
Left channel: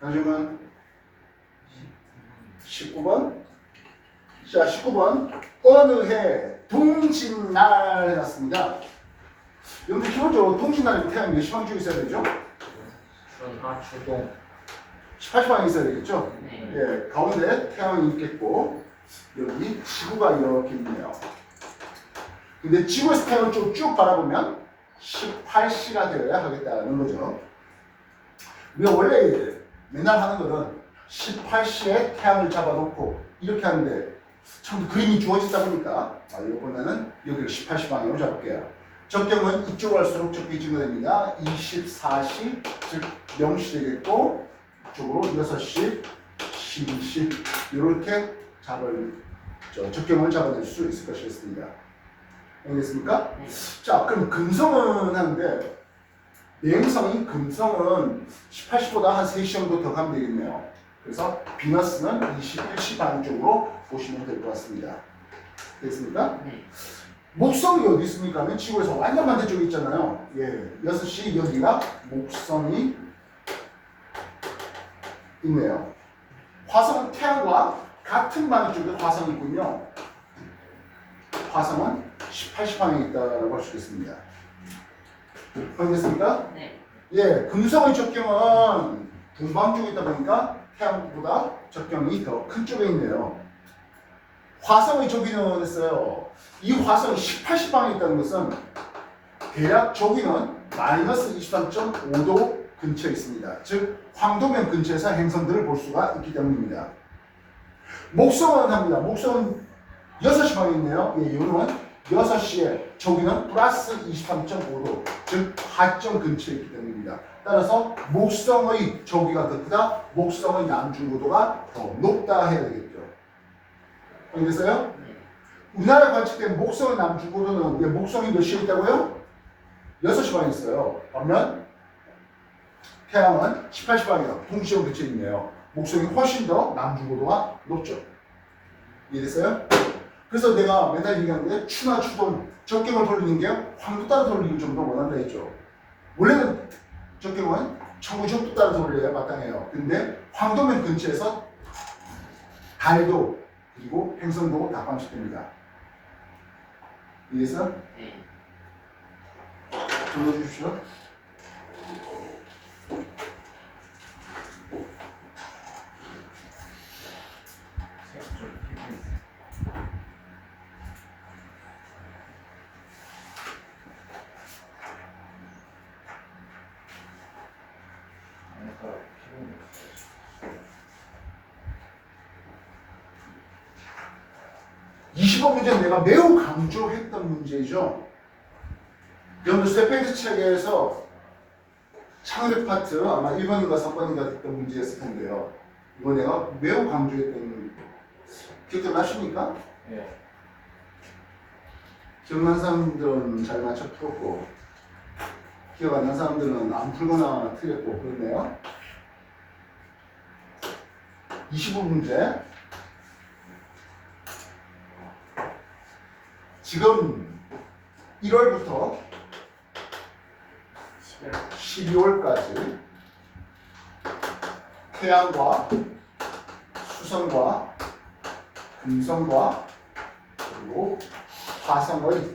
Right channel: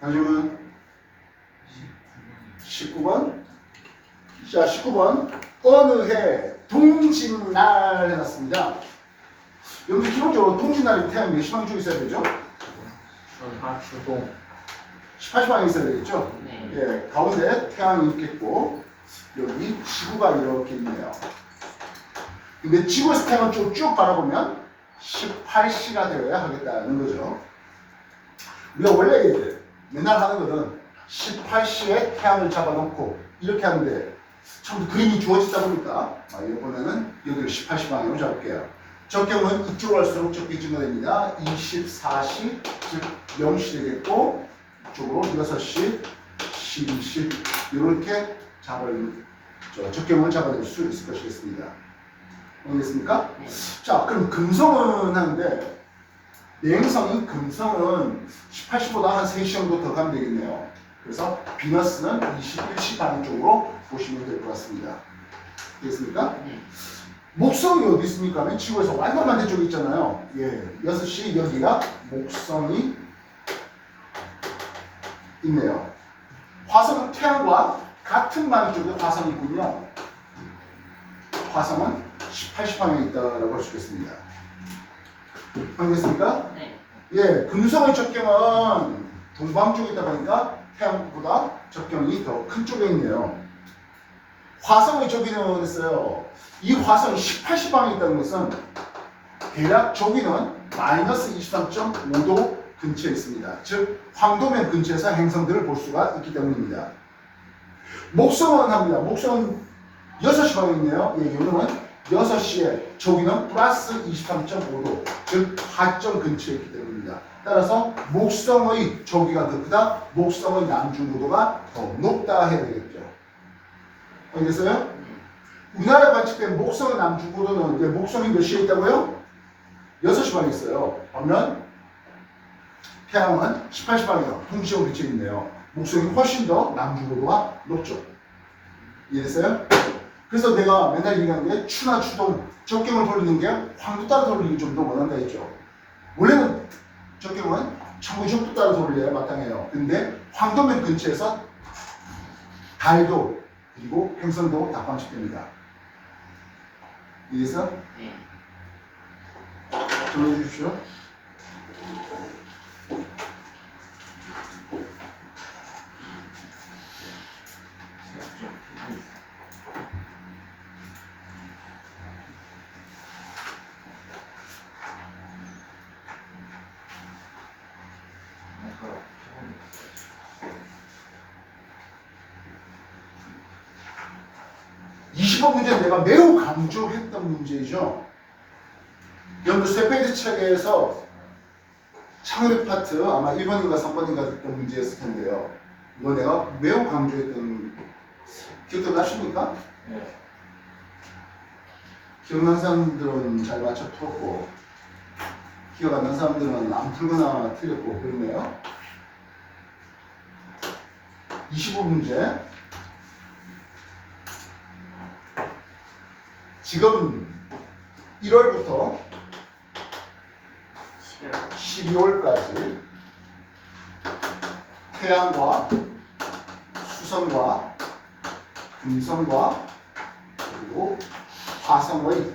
다시는 19번. 자, 19번. 어느 해 동짓날 해놨습니다. 여러분들 기본적으로 동짓날이 태양 몇 시방 쭉 있어야 되죠? 주동. 18시방에 있어야 되겠죠? 네. 예, 가운데 태양이 있겠고 여기 지구가 이렇게 있네요. 근데 지구에서 태양을 쭉 바라보면 18시가 되어야 하겠다는 거죠. 우리가 원래 맨날 하는 거는 18시에 태양을 잡아놓고 이렇게 하는데 참 그림이 주어지다 보니까 이번에는 여기를 18시 방향으로 잡을게요. 적경은 이쪽으로 할수록 적게 증가됩니다. 24시 즉 0시 되겠고 이쪽으로 6시, 12시 이렇게 적경을 잡아낼 수 있을 것이겠습니다. 알겠습니까? 네. 자, 그럼 금성은 하는데 내행성인 금성은 18시보다 한 3시 정도 더 가면 되겠네요. 그래서 비너스는 21시 방향 쪽으로 보시면 될 것 같습니다. 되겠습니까? 네. 목성이 어디 있습니까? 지구에서 완전 반대쪽에 있잖아요. 예, 6시 여기가 목성이 있네요. 화성은 태양과 같은 방향 쪽에 화성이 있군요. 화성은 18시 방향에 있다고 할 수 있겠습니다. 알겠습니까? 네. 예, 금성의 적경은 동방 쪽에 있다 보니까 태양보다 적경이 더 큰 쪽에 있네요. 화성의 조기는 했어요. 이 화성이 18시 방향에 있다는 것은 대략 조기는 마이너스 23.5도 근처에 있습니다. 즉 황도면 근처에서 행성들을 볼 수가 있기 때문입니다. 목성은 합니다. 목성은 6시 방향에 있네요. 예, 이거는 6시에 조기는 플러스 23.5도 즉 하점 근처에 있기 때문입니다. 따라서 목성의 조기가 더 크다, 목성의 남중고도가 더 높다 해야 되겠죠. 알겠어요? 네. 우리나라에 관측된 목성의 남중고도는 목성이 몇 시에 있다고요? 6시 방에 있어요. 그러면 태양은 18시 방향 동시에 위치해 있네요. 목성이 훨씬 더 남중고도가 높죠. 이해됐어요? 그래서 내가 맨날 얘기하는 게 추나 추동, 적경을 돌리는 게 황도 따라 돌리는 게 좀 더 원한다 했죠. 원래는 적경은 천구적도 따라 돌려야 마땅해요. 근데 황도면 근처에서 달도 그리고 행성도 다 관측됩니다. 이해해서 네. 정리해 주십시오. 좀 25문제는 내가 매우 강조했던 문제죠. 여러분들 쇠페이지 책에서 창립 파트 아마 1번인가 3번인가 됐던 문제였을 텐데요. 이거 내가 매우 강조했던 기억도 나십니까? 네. 기억난 사람들은 잘 맞춰 풀었고 기억 안 난 사람들은 안 풀거나 틀렸고 그렇네요. 25문제 지금 1월부터 12월까지 태양과 수성과 금성과 그리고 화성의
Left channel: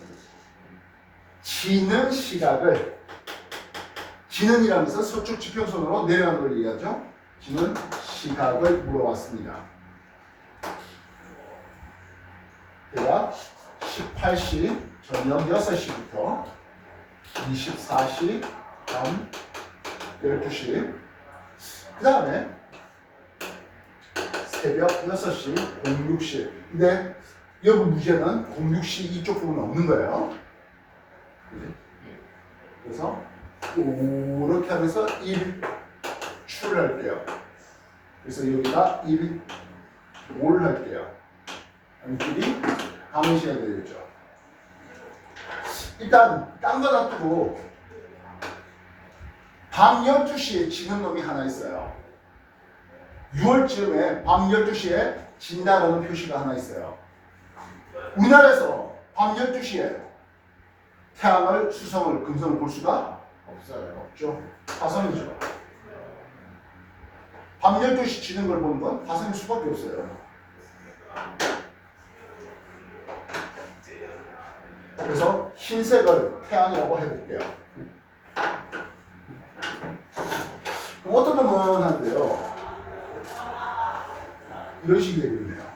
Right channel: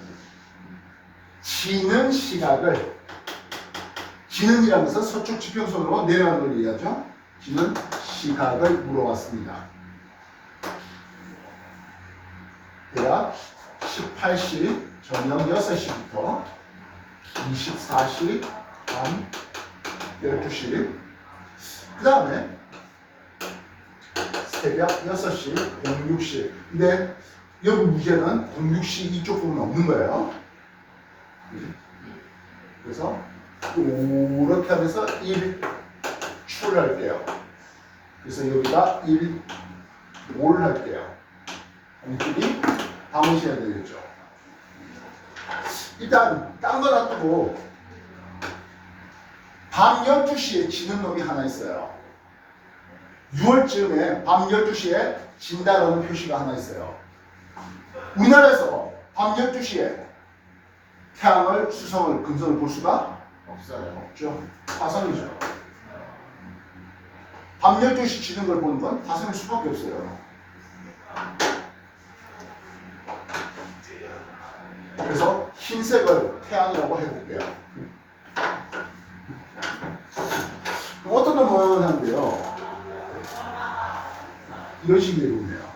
지는 시각을 지는이라는 것은 서쪽 지평선으로 내려가는 걸 얘기하죠. 지는 시각을 물어왔습니다. 대략 18시 저녁 6시부터 24시 밤 12시 그 다음에 새벽 6시 06시 근데 여기 문제는 06시 이쪽 부분은 없는 거예요. 그래서 이렇게 하면서 1출 할게요. 그래서 여기다 1올 할게요. 이쪽이 다문시해야 되겠죠. 일단 딴 거 놔두고 밤 12시에 지는 놈이 하나 있어요. 6월쯤에 밤 12시에 진다라는 표시가 하나 있어요. 우리나라에서 밤 12시에 태양을, 수성을, 금성을 볼 수가 없어요. 없죠. 화성이죠. 밤 12시 지는 걸 보는 건 화성일 수밖에 없어요. 그래서 흰색을 태양이라고 해볼게요. 그럼 어떤 놈은 한데요. 이런 식이 되고 있네요.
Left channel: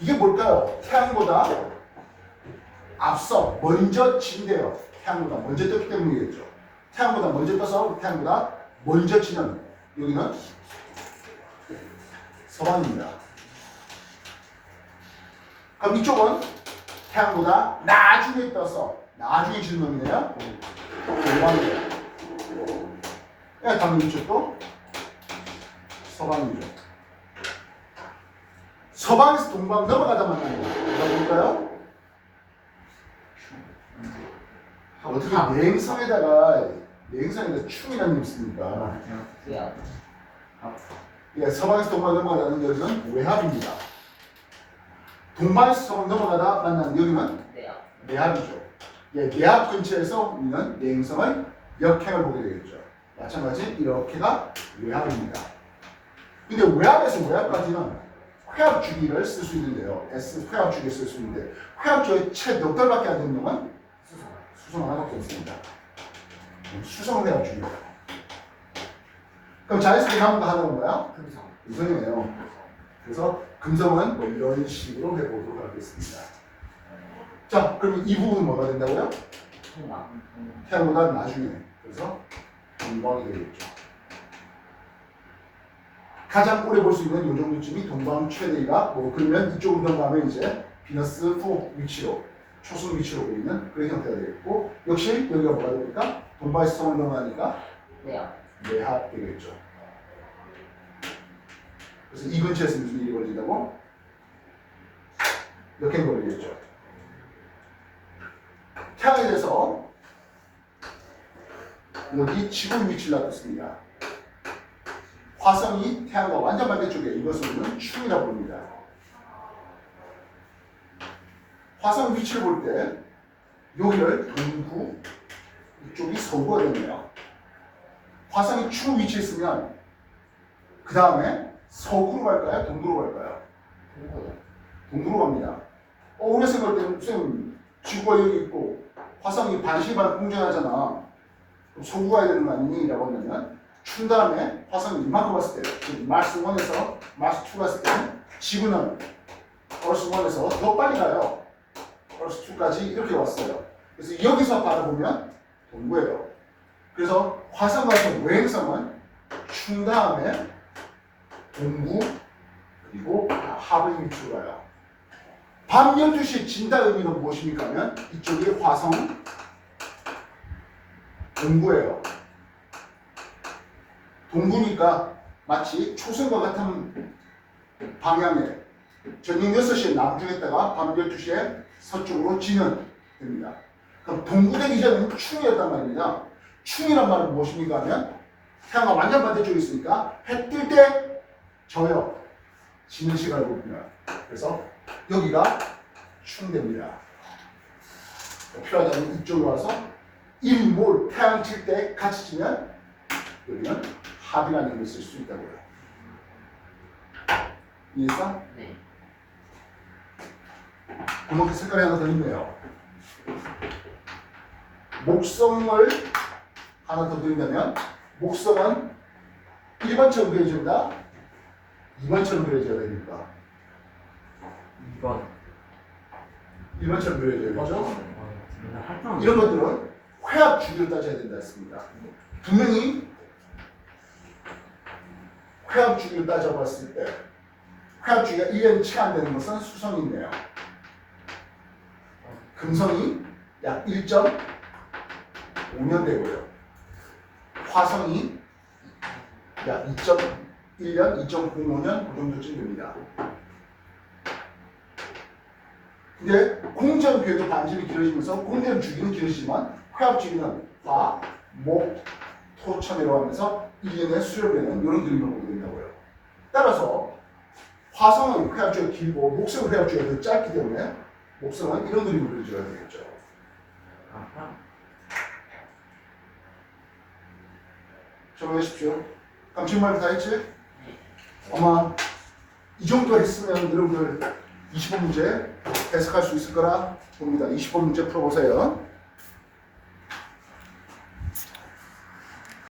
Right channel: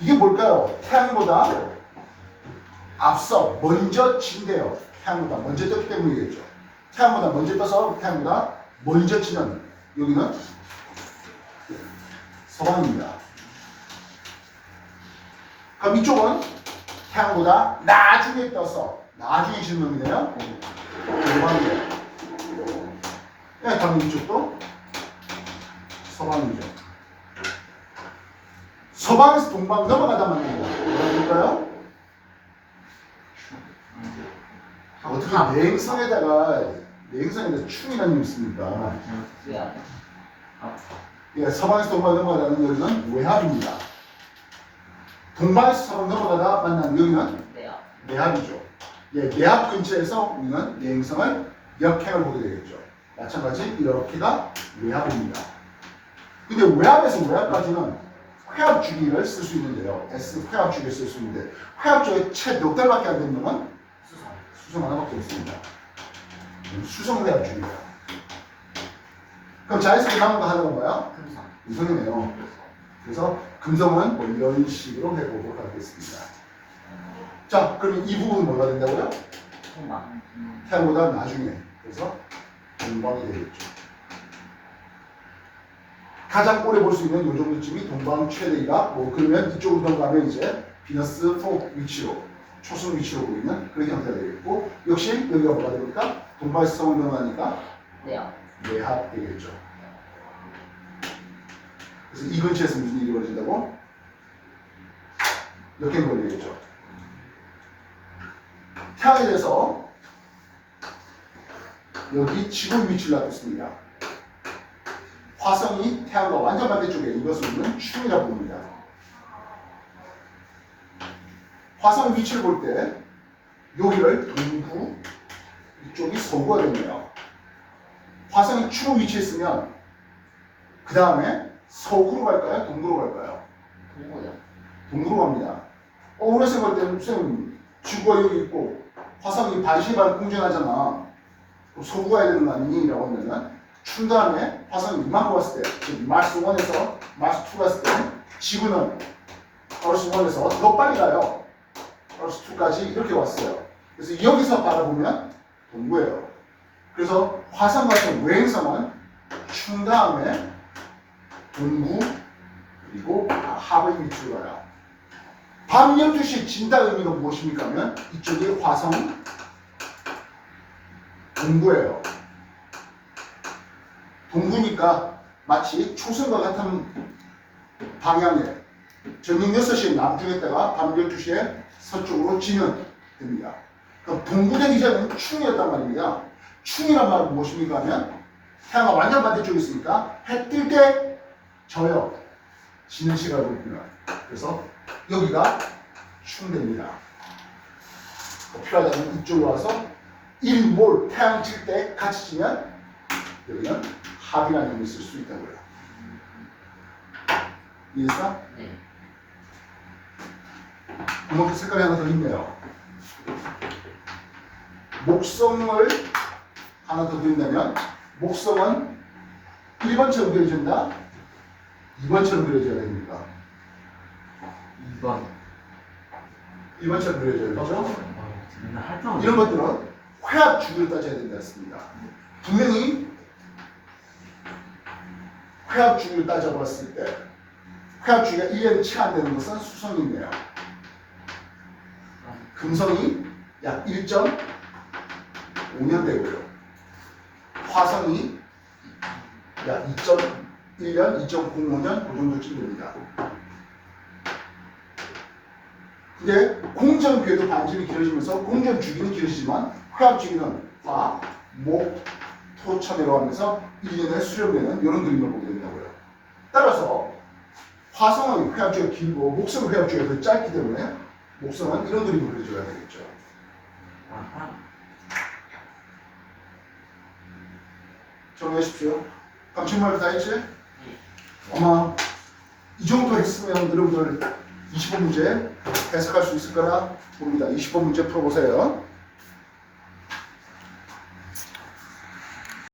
이게 뭘까요? 태양보다 앞서 먼저 진대요. 태양보다 먼저 떴기 때문이겠죠. 태양보다 먼저 떠서 태양보다 먼저 지는 여기는 서방입니다. 그럼 이쪽은 태양보다 나중에 떠서 나중에 지는 놈이네요. 동방이에요. 당연히 이쪽도 서방이죠. 서방에서 동방 넘어가다 만납니다. 뭐라 그럴까요? 어떻게 내행성에다가 충이라는 놈이 있습니까? 예, 서방에서 동방 넘어가다는 여기는 외합입니다. 동방에서 서방 넘어가다 만나는 여기는 내합이죠. 예, 내합 근처에서 우리는 내행성을 역행을 보게 되겠죠. 마찬가지 이렇게가 외합입니다. 근데 외합에서 외합까지는 회합 주기를 쓸 수 있는데요. S 회합 주기를 쓸 수 있는데 회합 주기 채 몇 달밖에 안 되는 놈은 수성 하나밖에 없습니다. 수성 회합 주기예요. 그럼 자연스럽게 남은 거 하나가 뭐야? 금성이네요. 그래서 금성은 뭐 이런 식으로 해보도록 하겠습니다. 자, 그럼 이 부분은 뭐가 된다고요? 태양보다 나중에. 그래서 동방이 되겠죠. 가장 오래 볼 수 있는 요 정도쯤이 동방 최대이가 뭐 그러면 이쪽으로 넘어가면 이제 비너스 4 위치로 초승 위치로 보이는 그런 형태가 되겠고 역시 여기가 뭐가 됩니까? 동방에서 성을 넘어가니까 내합 되겠죠. 그래서 이 근처에서 무슨 일이 벌어진다고? 이렇게 걸리겠죠. 태양에 대해서 여기 지구 위치를 놔뒀습니다. 화성이 태양과 완전 반대쪽에 이것을 우리는 충이라고 부릅니다. 화성 위치를 볼 때 여기를 동구, 이쪽이 서구가 되네요. 화성이 충 위치에 있으면 그 다음에 서구로 갈까요? 동구로 갈까요? 동구로 갑니다. 오래 생각할 때는 선생님 지구가 여기 있고 화성이 반시반 공전하잖아. 그럼 서구 가야 되는 거 아니니? 라고 하면은 충 다음에 화성이 이만큼 왔을 때, 즉 마스 1에서 마스 2 갔을 때 지구는 플러스 1에서 더 빨리 가요. 플러스 2까지 이렇게 왔어요. 그래서 여기서 바라보면 동구예요. 그래서 화성 같은 외행성은 충 다음에 동구 그리고 하부 위치로 가요. 밤 12시 진다 의미가 무엇입니까 하면 이쪽이 화성 동구예요. 동구니까 마치 초승과 같은 방향에 저녁 6시에 남중했다가 밤 12시에 서쪽으로 지면 됩니다. 그럼 동구되기 전에는 충이었단 말입니다. 충이란 말은 무엇입니까 하면 태양과 완전 반대쪽에 있으니까 해 뜰 때 져요. 지는 시간을 보입니다. 그래서 여기가 충됩니다. 필요하다면 이쪽으로 와서 일몰 태양 칠 때 같이 지면 여기는 합이라는 의미를 쓸 수 있다고요. 이해했어? 네. 구멍 색깔이 하나 더 있네요. 목성을 하나 더 그린다면 목성은 1번처럼 그려진다? 2번처럼 그려져야 됩니까? 2번. 1번처럼 그려져야겠죠? 할 이런 것들은 회합 주기를 따져야 된다 했습니다. 분명히 회합 주기를 따져봤을 때 회합 주기가 1년이 채 안 되는 것은 수성이네요. 금성이 약 1.5년 되고요. 화성이 약 2.1년, 2.05년 그 정도쯤 됩니다. 근데 공전 궤도 반지름이 길어지면서 공전 주기는 길어지지만 회합 주기는 화, 목, 토, 참이라고 하면서 1년에 수렴되는 이런 그림을 보게 된다고요. 따라서 화성의 회합 주기가 길고 목성의 회합 주기가 더 짧기 때문에 목성은 이런 그림을 그려줘야 되겠죠. 정리하십시오. 감칠말 다 했지? 아마 이 정도 했으면 여러분들 20번 문제 해석할 수 있을 거라 봅니다. 20번 문제 풀어보세요.